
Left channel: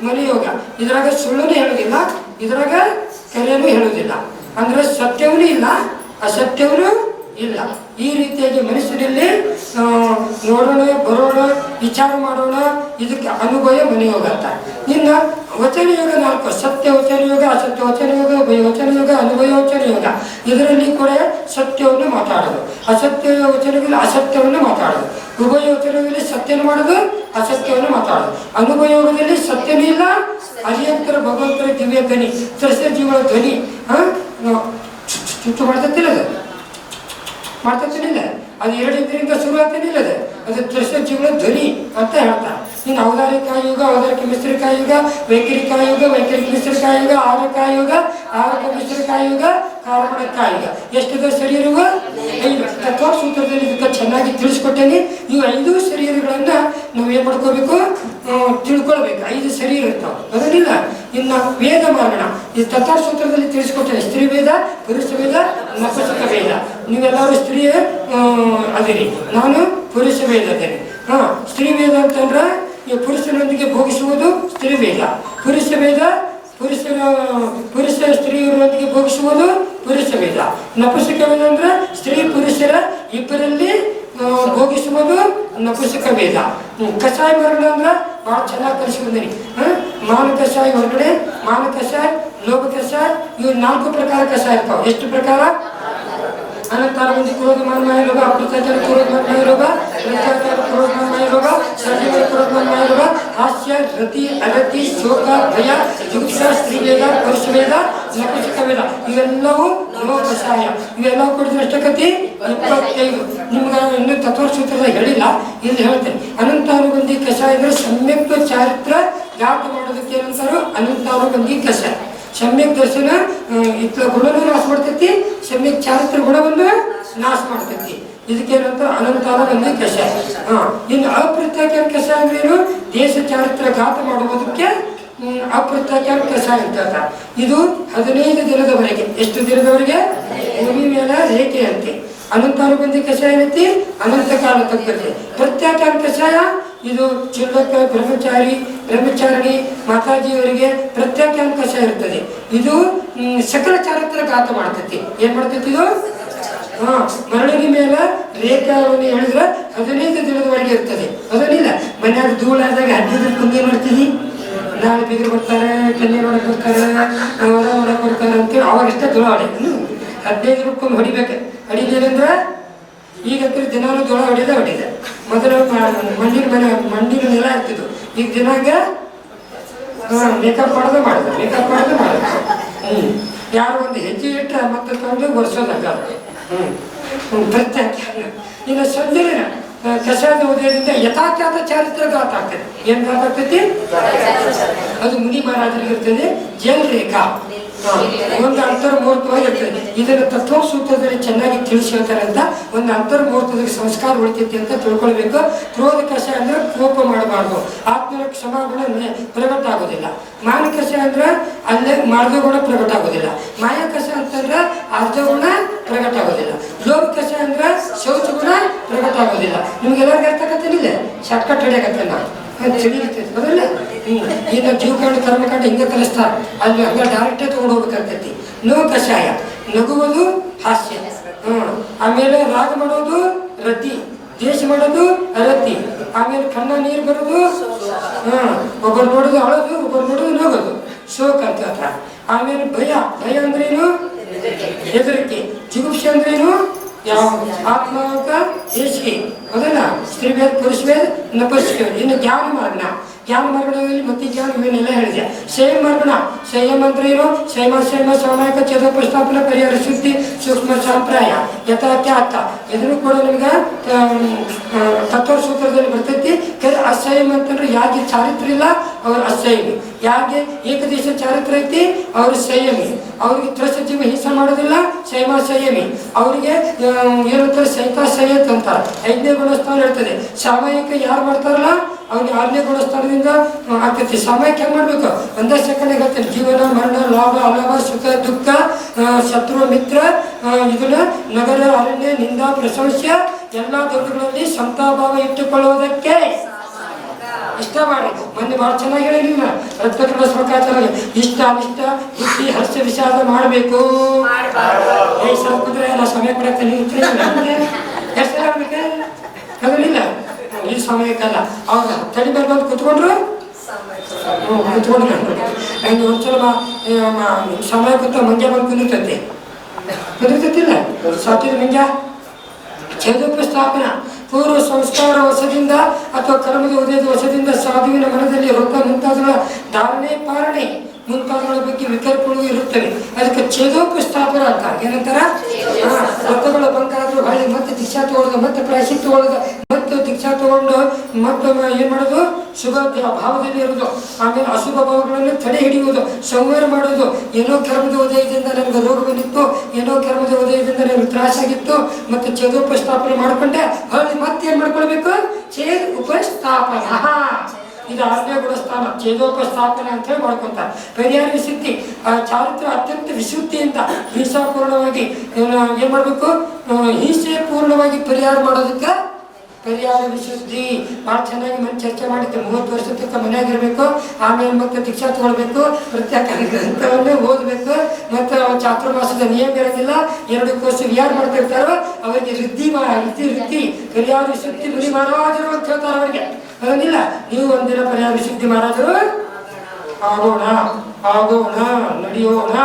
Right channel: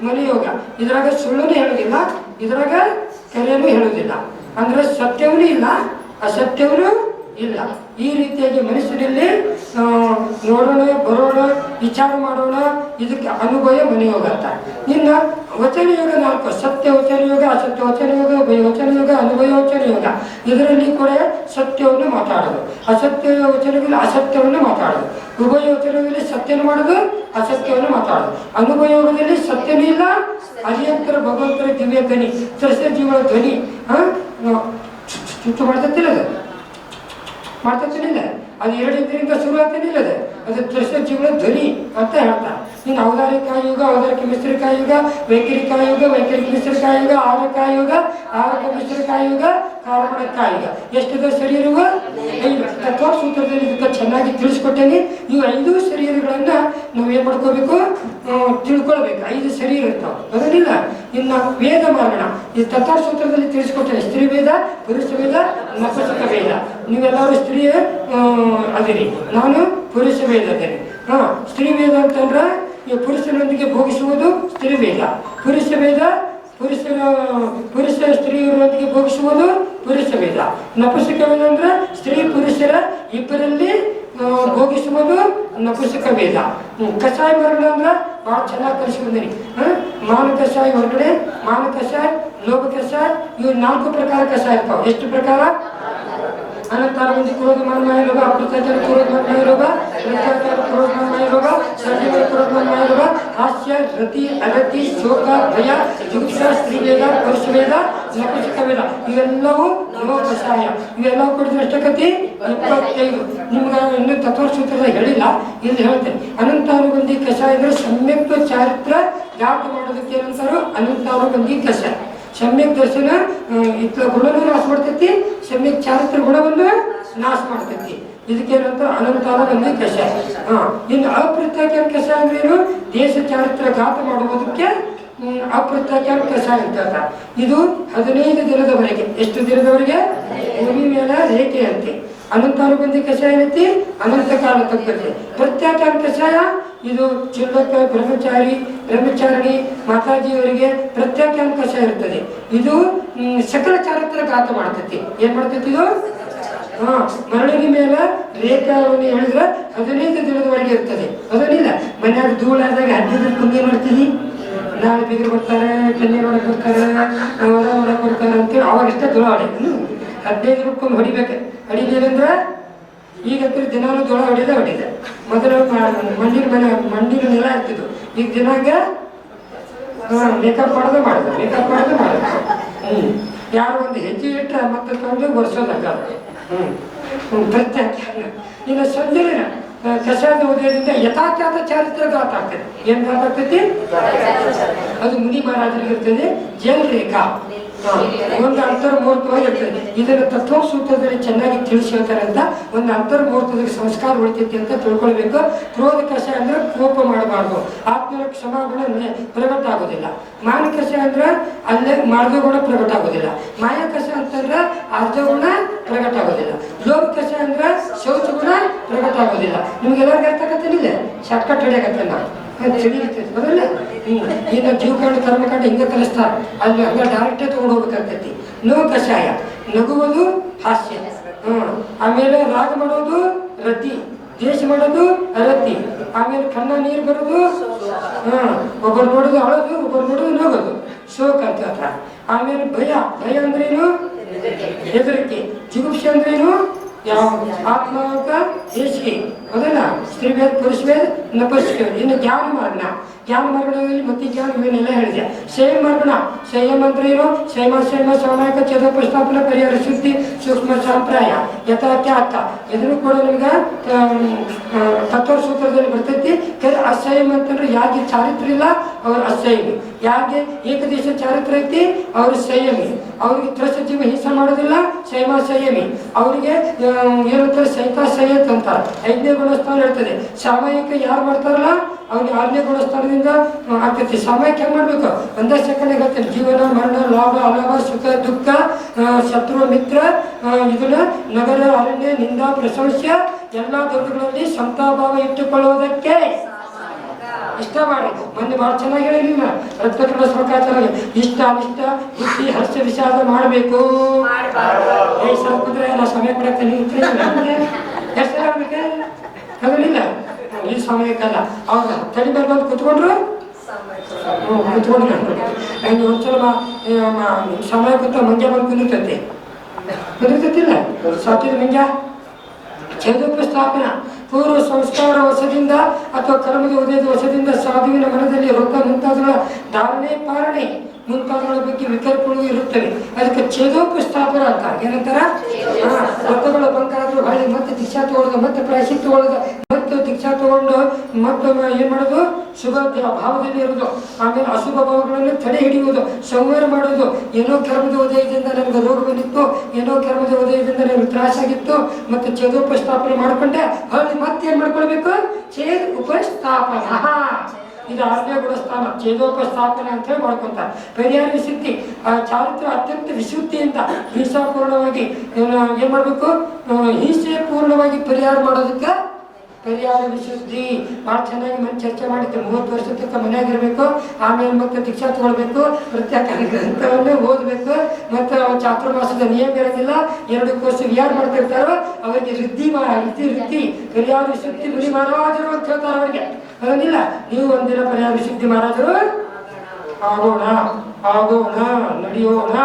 ಮನೆ ಯೋಗ ಇದ್ರಾಗ ಸುಳ್ಳನ್ನು ಹೇಳೋದಿಲ್ಲ, ಇದ್ರಾಗ ಕೆರೆಯನ್ನು ಹೇಳೋದಿಲ್ಲ. ಅಂದ್ರೆ ಸತ್ಯವೂ ಇಲ್ಲ, ಅಸತ್ಯವೂ ಇಲ್ಲ. ಈ ರೀತಿಯಾಗಿ ಮನುಷ್ಯರಲ್ಲಿ ನೋಡೋಣ, ಬರೋಣ, ವಿಚಾರ ಮಾಡೋಣ, ಇದಕ್ಕೆ ಅನುಭವ ಮನೆಯೋಗ ಅಂತ. ಇನ್ನು ವಚನ ಯೋಗ ನಾಲ್ಕು ಸತ್ಯ ವಚನ ಯೋಗ ಅಸತ್ಯ ವಚನ ಯೋಗ ವಚನ ಯೋಗ ಅನುಭವ ವಚನ ಯೋಗ ಇದರಲ್ಲಿ ಕೂಡ ಸತ್ಯವನ್ನು ಮಾತಾಡೋದು. ಅಸತ್ಯ ವಚನದಲ್ಲಿ ಅಸತ್ಯವನ್ನು ಮಾತಾಡೋದು. ಉಭಯ ಸತ್ಯನ ಮಾಡೋದು, ಅಸತ್ಯವನ್ನು ಮಾತಾಡೋದು. ಅನುಭಯೋಗದಲ್ಲಿ ಸತ್ಯನೂ ಇಲ್ಲ, ಅರಿಯಂತರ ಭಗವಂತರ ದಿವ್ಯ ಧ್ವನಿ ಸಸ್ಯ ಜೀವನ ಧ್ವನಿ ಚುಚ್ಚು ಮಾಡ್ತತಿಲ್ಲ ಅದು? ಅದು ಎರಡು ಇದರಿಂದ ಶುರು ಆಗ್ತೇನಿಲ್ಲ ಅದು? ದೃಶ್ಯ ಜೀವನ ಧ್ವನಿ ಅಂತ ಹೇಳ್ತಾರೆ. ಇನ್ನು ಔದಾರಿಕ ಯುಗ ಔದಾರಿಕ ಮಿಶ್ರಕಾಯುಗ ಯುಗ ವೈಖರಿಕ ಯುಗ ವೈಖರಿಕ ಮಿಶ್ರಿಕ ಯುಗ ಆರಕ ಯುಗ ಆರಕ ಮಿಶ್ರಿಕ ಯುಗ ಎಷ್ಟು ಯುಗ ಎಷ್ಟಿದೆ ಶರೀರವು? ಐದು. ತತ್ವ ಸೂತ್ರದಲ್ಲಿ ಇದಕ್ಕೆ ಚೆನ್ನಾಗಿ ತಿಳಿಸ್ಕೊಟ್ಟೇನೆ. ಈ ಐದು ಶರೀರಗಳನ್ನ ನಾವು ಏನು ಮಾಡ್ಕೋಬೇಕು? ತಿಳ್ಕೊಳ್ಬೇಕು. ಐದು ಶರೀರ ಇರ್ತಾವ. ಅದನ್ನಿಲ್ಲ ಇನ್ನು ವೇದ ಮಾರ್ಗಣ ಈ ತತ್ವ ಸೂತ್ರದಲ್ಲಿ ತಿಳಿಸ್ಕೊಟ್ಟೆ ಸ್ತ್ರೀ ವೇದ, ಪುರುಷ ವೇದ ನಪುಸಕ ವೇದ. ನೀವೆಲ್ಲರೂ ಸ್ತ್ರೀಯ ಅದಿರಿ. ನಾನು ಪುರುಷ ವೇದ ಅದೇನೆ ಹಾ, ಸ್ತ್ರೀ ವೇದ ಅಂತಂದ್ರೆ ಈ ಪುರುಷನೊಂದಿಗೆ ಭೋಗಿಸುವುದು ಸ್ತ್ರೀ ವೇದ. ಪುರುಷ ವೇದ ಪುರುಷನ ಪುರುಷ ಸ್ತ್ರೀಯರೊಂದಿಗೆ ಭೋಗಿಸುವುದು ಪುರುಷ ವೇದ. ನಪುಸಕ ವೇದ ಸ್ತ್ರೀ ಪುರುಷರ ಇಬ್ಬರಲ್ಲಿ ಭೋಗಿಸುವುದು ನಪುಸಕ ವೇದ. ಕಷಾಯ ಮರಣ ಅಂದ್ರೆ ಭಾಳ ಚೆನ್ನಾಗಿ ಕಲಿಸ್ಕೊಂಡೀನಿ. ಮಾನ ಕಷಾಯ ಹೊರಗಡೆ, ಮಾನ ಕಷಾಯ ಲೋಭ ಕಷಾಯ ಇವು ನಾಲ್ಕು ಪ್ರಕಾರ ಕಷಾಯ ಇರ್ತಾವೆ. ಎಷ್ಟು ಪ್ರಕಾರ? ಅನಂತರ ಮಂದಿ ಕ್ರೋಧಮಾನ ಮಾಯ ರೋಗ ಅಪ್ರತ್ಯಾಚಾರ ಕ್ರೋಧಮಾನ ಮಾಯ ರೋಗ ಪ್ರತ್ಯಾಚಾರ ಕ್ರೋಧಮಾನ ಮಾಯ ರೋಗ ಸಂಜೀವ ಕ್ರೋಧಮಾನ ಮಾಯ ರೋಗ ಹಾಸ್ಯ ರತಿ ಅಗತಿ ಶೋಕ ಭಯ ಜುಗುಪ್ಸ ಸ್ತ್ರೀವೇದ ಪುರುಷವೇದ ನಪುಸಕ ವೇದ ಇವೆಲ್ಲವೂ ಲೋಕ ಕಷಾಯ ಇವೆಲ್ಲವೂ ಕುಡಿದ್ರೆ ಅಷ್ಟಕತಿ ಇಪ್ಪತ್ತೈದು ನಿಮ್ಗೆ ಇನ್ನೂ ತತ್ವಸೂತ್ರದ ಹೇಳಿಲ್ಲ ಇಲ್ಲಿ ಹೇಳ್ತೇನೆ ಅನಂತಾನುಬಂಧಿ ಕಷಾಯ ಅಂದರೆ ಸಮ್ಯಕ್ ಚಾರಿತ್ರ ಜಾತ ಮಾಡೋದಕ್ಕೆ ಅನಂತರು ಅನಂತಾನುಬಂಧಿ ಕಷಾಯ. ಸಮ್ಯಕ್ ದರ್ಶನ ಇತ್ತ ಗುಣನೂ ನಾಶ ಮಾಡ್ತೈತಿ ಸಮ್ಯಕ್ ಚಾರಿತ್ರ ಗುಣವನ್ನು ನಾಶ ಮಾಡ್ತೈತಿ. ಇದಕ್ಕೇನಂತ ಅನಂತಾರ ಒಂದು ಕಷಾಯ ಹಾ, ಇನ್ನು ಅಪ್ರತ್ಯಾಖ್ಯಾನ ಕಷಾಯ ಅಂದ್ರೆ ಏನು? ದೇಶ ಚಾರಿತ್ರ ಘಾತ ಮಾಡುವುದಕ್ಕೆ ಅಪ್ರತ್ಯಾಖ್ಯಾನ ಕಷಾಯ ಅಂತ ಇದು ಹದಿನೈದು ದಿನದವರೆಗೆ. ಎಷ್ಟು ದಿನದವರೆಗೆ? ಭೂಮಿ ಮೇಲೆ ರೇಖೆ ಅಂತೆ ಬಂದು ಕಷಾಯ ಏನೈತಿ ಅನಂತ ಕಾಲ ತಕ್ಕಂತೆ ಪ್ರತ್ಯಾಚಾರ ಕಷಾಯ, ಇದು ಚಿಲ್ಲಕ ಬ್ರಹ್ಮಚಾರಿ, ಬ್ರಹ್ಮಚಾರಿಣಿ ಮಾತಾಜಿಯವರಿಗೆ ಪ್ರತ್ಯಾಖ್ಯಾನ ಕಷಾಯ ಇರ್ತದೆ. ಇದು ಸಕಲ ಚಾರಿತ್ರ ಘಾತ ಮಾಡ್ತೈತಿ. ಏನ್ ಮಾಡ್ತೈತಿ ಇದು? ಹಾ ಮರಳಿನ ಮೇಲೆ ರೇಖಾವನ್ನು ಹೇಳಿದ್ರೆ ಹದಿನೈದು ದಿನದವರೆಗೆ ಇರ್ತದೆ. ಅದನ್ನಿಲ್ಲ, ಮನ್ಯಾಗ ಧೂಳಾದಾಗ ಹದಿನೈದು ಕುಂದಿ ಮಾಡ್ತೀನಿ ನಾಳೆ ಬೀಗರು ಬರ್ತಾರೆ ಕನ್ನೆ ಮಾಡಕ್ ಬರ್ತಾರೆ ಹೊರ ನೋಡಕ್ ಬರ್ತಾರೆ ಅಂತೇಳಿ ಅವಾಗಷ್ಟೇ ಧೂಳ ಹೊಡೆ. ಹದಿನೈದು ರೂಪಾಯಿ ಹೊಡಿಬೇಕು. ಹೊಡಿಲಿಲ್ಲಂದ್ರೆ ಈಗ ದಿನಾನು ಜೋಳ ಹೊಡಿದೆ ಹೊಡಿದೆ ಮೊದಲು ಮಂಡಿನ ಮಣ್ಣಿನ ಮನೆ ಮಣ್ಣಿನ ನೆಲ ಇರ್ತಿದ್ದು ಈಗ ದಿನಾಗ ಮೇಕಪ್ ಮಾಡೋದು ಮಾಡಿದೆ ಮೇಕಪ್ ಮಾಡೋದು ಮಾಡಿದೆ. ಹ್ಞೂ ಯಾರು ಒಂದು ಹೆಜ್ಜೆ ಇಟ್ಟರೆ ಮತ್ತೆ ತಂದು ವರ್ಷದಾಗ ಹ್ಞೂ ಪ್ರತ್ಯೇಕ. ಇನ್ನು ಸಂಜೆನ ಕಷಾಯದ ಉದಯದಿಂದ ಯಥಾಖ್ಯಾತ ಚಾರಿತ್ರ ಗಾತ ಆಗ್ತದೆ. ಏನ್ ಗಾತ ಆಗ್ತೈತಿ? ಅದು ಮುನಿ ಮಹಾರಾಜರಿಗೆ ಇರ್ತದೆ ಜೇಲ್ ರೇಖಾ ಒಂದು ಅಂತರ್ಮೂರ್ತವಾಗಿರ್ತದೆ ಇದನ್ನು ತತ್ವ ಸೂತ್ರದಲ್ಲಿ ಚೆನ್ನಾಗಿ ತಿಳಿಸಿ ಹೇಳ್ತಾರೆ ಅಂತ ಒಂದು ಅಂತರ್ಮೂರ್ತದಲ್ಲಿ ಸಂಸ್ಕಾರ ಉಳಿತೈತಿ ಅಂತ ತಿಳ್ಕೊಳ್ಬೇಕು. ಕ್ರೋಧ ಕಷಾಯ ಅಂದ್ರೆ ಕೋಪ ಮಾಡಬಾರ್ದು. ಆತ್ಮನ ಕ್ಷಮಾಗುಣ ಪ್ರಕಟ ಆಗೋದಿಲ್ಲ. ಮಾನ ಅಂದ್ರೆ ಅಲ್ಲೇ ಮಾರ್ಗ ಗುಣ ಪ್ರಕಟ ಆಗೋದಿಲ್ಲ. ಮಾಯ ಅಂತಂದ್ರೆ ಅರ್ಧ ಗುಣ ಪ್ರಕಟ ಆಗೋದಿಲ್ಲ. ಲೋಭ ಕಷಾಯ ಅಂದ್ರೆ ಶೌಚ ಗುಣ ಪ್ರಕಟ ಆಗೋದಿಲ್ಲ. ನಿಮ್ಗೆಲ್ಲರಿಗೂ ಇಲ್ಲ ಶಾರ್ಟ್ಕಟ್ ಹಿಡಿಯಕತ್ತೆ ನಾವು ತಿಳಿಲಿಕ್ಕೆ ಬರಲ್ಲ ಇನ್ನು ಜೀವಕಾಂಡ ಕರ್ಮಕಾಂಡ ಹಿಂಗೆ ಕಲಿಸ್ತಾರ. ಅಲ್ಲಿ ಹಂಗೆ ಡೈರೆಕ್ಟೇ ತಗೊಂಡು ಹೋಗ್ಬೇಕಾಗ್ತೈತಿ. ನೋ ಕಷಾಯ ನಗುವುದು ಹಾಸ್ಯ. ಹ್ಮ್. ಆಮೇಲೆ ರಾಗ ಮಾಡೋದು ರತಿ. ದೇಶ ಮಾಡೋದು ರತಿ. ಆಮೇಲೆ ಕಣ್ಣ ನೀರು ಬರೋದು ಹ್ಮ್. ಒಬ್ಬರು ನೋಡೋದು ಅಳೋದು, ಒಬ್ಬರು ನೋಡೋದು ನಗೋದು. ಶೋಕ ಅಂತ ಹತ್ರ ಆಮೇಲೆ ಭಯ. ಭಯ ಅಂದ್ರೇನು ಹೆದರಿಕೆ. ಜಿಗುಪ್ಸೆ ಅಂದ್ರೇನು ಯಾವ ಆತ್ಮಕ ದೇಶಿಗೆ ಹೌದಲ್ಲ? ಪುರುಷ ಮೇಲೆ ನಪಸ್ಕ ಇನ್ನು ಜ್ಞಾನ ಮಾರ್ಗಣ ಜ್ಞಾನ ಮಾರ್ಗಣದಲ್ಲಿ ಮತ್ತೆ ಯಾರು ಇವನ್ನೆಲ್ಲ ಹೇಳಿದೆ? ಸೇಮ್ ಮಾರ್ಗಣ. ಸಂಯಮ ಅಂದ್ರೆ ಏನು ಸಂಯಮ ಸಂಯಮ ಸಾಮಾಯಿಕ ಚದ ಪ್ರಸ್ತಾಪನ ಪರಿಹಾರ ಶುದ್ಧಿ ಸೂಕ್ಷ್ಮ ಸಂಪ್ರಾಯ ಯಥಾತ್ಯಾತ ಇದನ್ನು ಕೂಡ ನಿಮ್ಗೆ ತತ್ವ ಸೂತ್ರದಲ್ಲಿ ಬರ್ತೈತಿ. ಕೆಲ ಅಸಂಯಮ ಅಂತಂದ್ರೆ ಯಾಕೆ ಚಾರಿತ್ರ ಇಲ್ಲ? ಅವ್ರ ಅಸಂಯಮಿ ಯಾಕೆ ಏಕದೇಶ ಚಾರಿತ್ರ ಐತಿ? ಅವ್ರ ಸಂಯಮಿ ಅವ್ರಿಗೆ ಸಚಿವ ಹಿಂಸೆ ಮಾಡೋದಿಲ್ಲ ಸಂಯಮ ಸಂಯಮಿ ಅವರಿಗೆ ಏನಂತಾರೆ ಸಹಿತ ಸಂಯತ್ ಅಂತಾರೆ. ಐದನೇ ಗುಣಸ್ಥಾನ ಇರ್ತದೆ ಸಾಮಯಿಕ ಯಾರು ಮಾಡ್ತಾರಲ್ಲ? ಆರನೇ ಗುಣಸ್ಥಾನದಿಂದ ಸ್ಥಳದಿಂದ ಆಗ್ತೈತಿ ಸಮಯಕ್ಕೆ ಹೆಂಗೆ ಮಾಡಬೇಕು? ಒಂದೇ ಸೆಕೆಂಡ್ ಹೇಳ್ತೇನೆ. ಜೀವನ, ಮರಣ, ಲಾಭ ಅಲಾಭ ಸುಖ, ದುಃಖ ಶತ್ರು, ಮಿತ್ರ ಇದನ್ನ ನಗರ, ಅರಣ್ಯ, ನಿಂದ ಪ್ರಶಂಸ್ಯ ಎಲ್ಲ ದೊಡ್ಡಗಳಲ್ಲಿ ಸಂತಾಭಾವ ಇಟ್ಟುಕೊಳ್ಳುವುದಕ್ಕೆ ಇಷ್ಟ ಮಾಡಿ. ಮೊನ್ನೆ ಭಾಳ ಚೆನ್ನಾಗಿ ಹೇಳಿಲ್ಲ ರಕ್ತಕರಣ ಸ್ವಕಾಚಾರ ಇಷ್ಟ ಅನಿಷ್ಟ ಬುದ್ಧಿ, ಹರ್ಷ, ವಿಷಾದ ಮಾಡಬೇಕು. ಏ ಸಮಯ ಕೊಡಕ್ಕೆ ನೀವು ಎಷ್ಟು ಸಮಯಕ್ಕಲ್ಲ. ಅವಾಗ ತಲೆ ಮೇಲೆ ಬಂದು ಕುತ್ಕೊಂಡ್ರು? ಏ, ಮ- ಸಮಯ ಕೂತ ಮಂಜ ಬಂದು ಕುಂದಿರ್ತೈತಿ. ಕುಂದಿರ್ತೈತಿಲ್ಲ? ಸಾಕಿದ ಮಂಜ ಛೇದೋಪಸ್ಥಾಪನ ಪೂರ್ವ ಸಂಸ್ಕಾರ ವಶದಿಂದ ಅಥವಾ ಕರ್ಮದ ಉದಯದ ವಶದಿಂದ ಸಾಧುವಿನ ಮನದಲ್ಲಿ ರೊಕ್ಕ ಮುಂತಾದವುಗಳ ಧಾರಣೆ ಪಾರಣೆ ಮುಂತಾದವುಗಳ ಬಗ್ಗೆ ವಿಕಲ್ಪಗಳು ಇರುತ್ತವೆ. ಅದಕ್ಕೆ ಛೇದೋಪಸ್ಥಾಪನ ಅಂತ. ಏನಂತಾರ? ಹಾ, ರೊಕ್ಕಗಳ ಬಂಕಾದ್ರೂ ಹಳ್ಳಿ ಮತ್ತೆ ದಿಶಾ ತಗೊಳ್ಳೋದು ಮತ್ತೆ ಪ್ರಾಯಶ್ಚಿತ್ ತಗೊಳ್ಳೋದು. ಮತ್ತೆ ದೀಕ್ಷಾ ತಗೊಂಡು ಮತ್ತೆ ಏನ್ ಮಾಡೋದು? ಶುಭ ಭಾವದಲ್ಲಿ ಇರೋದು ಆಮೇಲೆ ಅಶುಭ ಭಾವಗಳನ್ನು ತಡೆ ಹಿಡಿಯುವುದು ಸಂಹಾರ ಮಾಡೋದು ಏನೋ ಕರ್ಮದ ಉದಯದಿಂದ ನನಗೆ ರೋಗ ಬಂದಿತ್ತು ಏನೋ ಕರ್ಮದ ಉದಯದಿಂದ ನನಗೆ ತ್ರಾಸಾಗಿತ್ತು ಮತ್ತೆ ಚದುಪಸ್ಥಾಪನೆ ಮಾಡ್ಕೊಂಡೆ. ಹೊಳ್ಳಿ ಮತ್ತೆ ಏನ್ ಮಾಡ್ಕೊಳ್ಬೇಕು? ಚೇದ್ ಉಪಸ್ಥಾಪನ. ಇದು ಆರನೇ ಗುಣಸ್ಥಾನ ಛೇದೋಪಸ್ಥಾಪನೆ ಅಂತ ಹೇಳಿ ಮಾಡ್ಕೊಂತಾರೆ ಪರಿಹಾರ ವಿಶುದ್ಧಿ ಆ ಚಾರಿತ್ರ ಅತ್ಯಂತ ವಿಶುದ್ಧಿಯಿಂದ ಹಿಂಸಾಪೂರ್ಣವಾಗಿ ಏನು ಮಾಡ್ಬೇಕು? ಆ, ಹಿಂಸೆ ಪೂರ್ಣವಾಗಿ ಪರಿಹಾರ ಮಾಡೋದಕ್ಕೆ ಪರಿಹಾರ ವಿಶುದ್ಧಿ ಭಾಳ ಚೆನ್ನಾಗಿ ಮನೆ ಚರ್ಚೆ ಮಾಡಿದ್ದೆ ಮೂವತ್ತು ವರ್ಷ ತಕ್ಕ ಮನೆಯಾಗಿರ್ಬೇಕು, ಆಮೇಲೆ ಮತ್ತೆ ದೀಕ್ಷಾ ತಗೊಳ್ಬೇಕು ಪ್ರತ್ಯೇಕ ಗ್ರಂಥವನ್ನೇ ಓದಬೇಕು, ಮತ್ತು ಚಾತುರ್ಮಾಸದ ನಿಯಮ ಇರೋದಿಲ್ಲ, ಎರಡು ಕೋರ್ಸ್ ಯಾರು ಮಾಡ್ತಿರ್ತಾರೋ, ಅವರಿಗೆ ವೃದ್ಧಿ ವೃದ್ಧಿ ವೃದ್ಧಿ ಪರಿಹಾರ ವಿಶುದ್ಧಿ ಮುನಿ ಮಹಾರಾಜರು ಅಂತ ಹೇಳ್ತಾರೆ ಅವರಿಗೆ. ಅದನ್ನಿಲ್ಲ ನೀವು ಒಂದಿನ ಪರ್ಯಾಯ ವಿಶುದ್ಧಿ ಮಹಾರಾಜರು ಆಗೋಣ ಆಗೋಣ, ನಡೆಯೋಣ.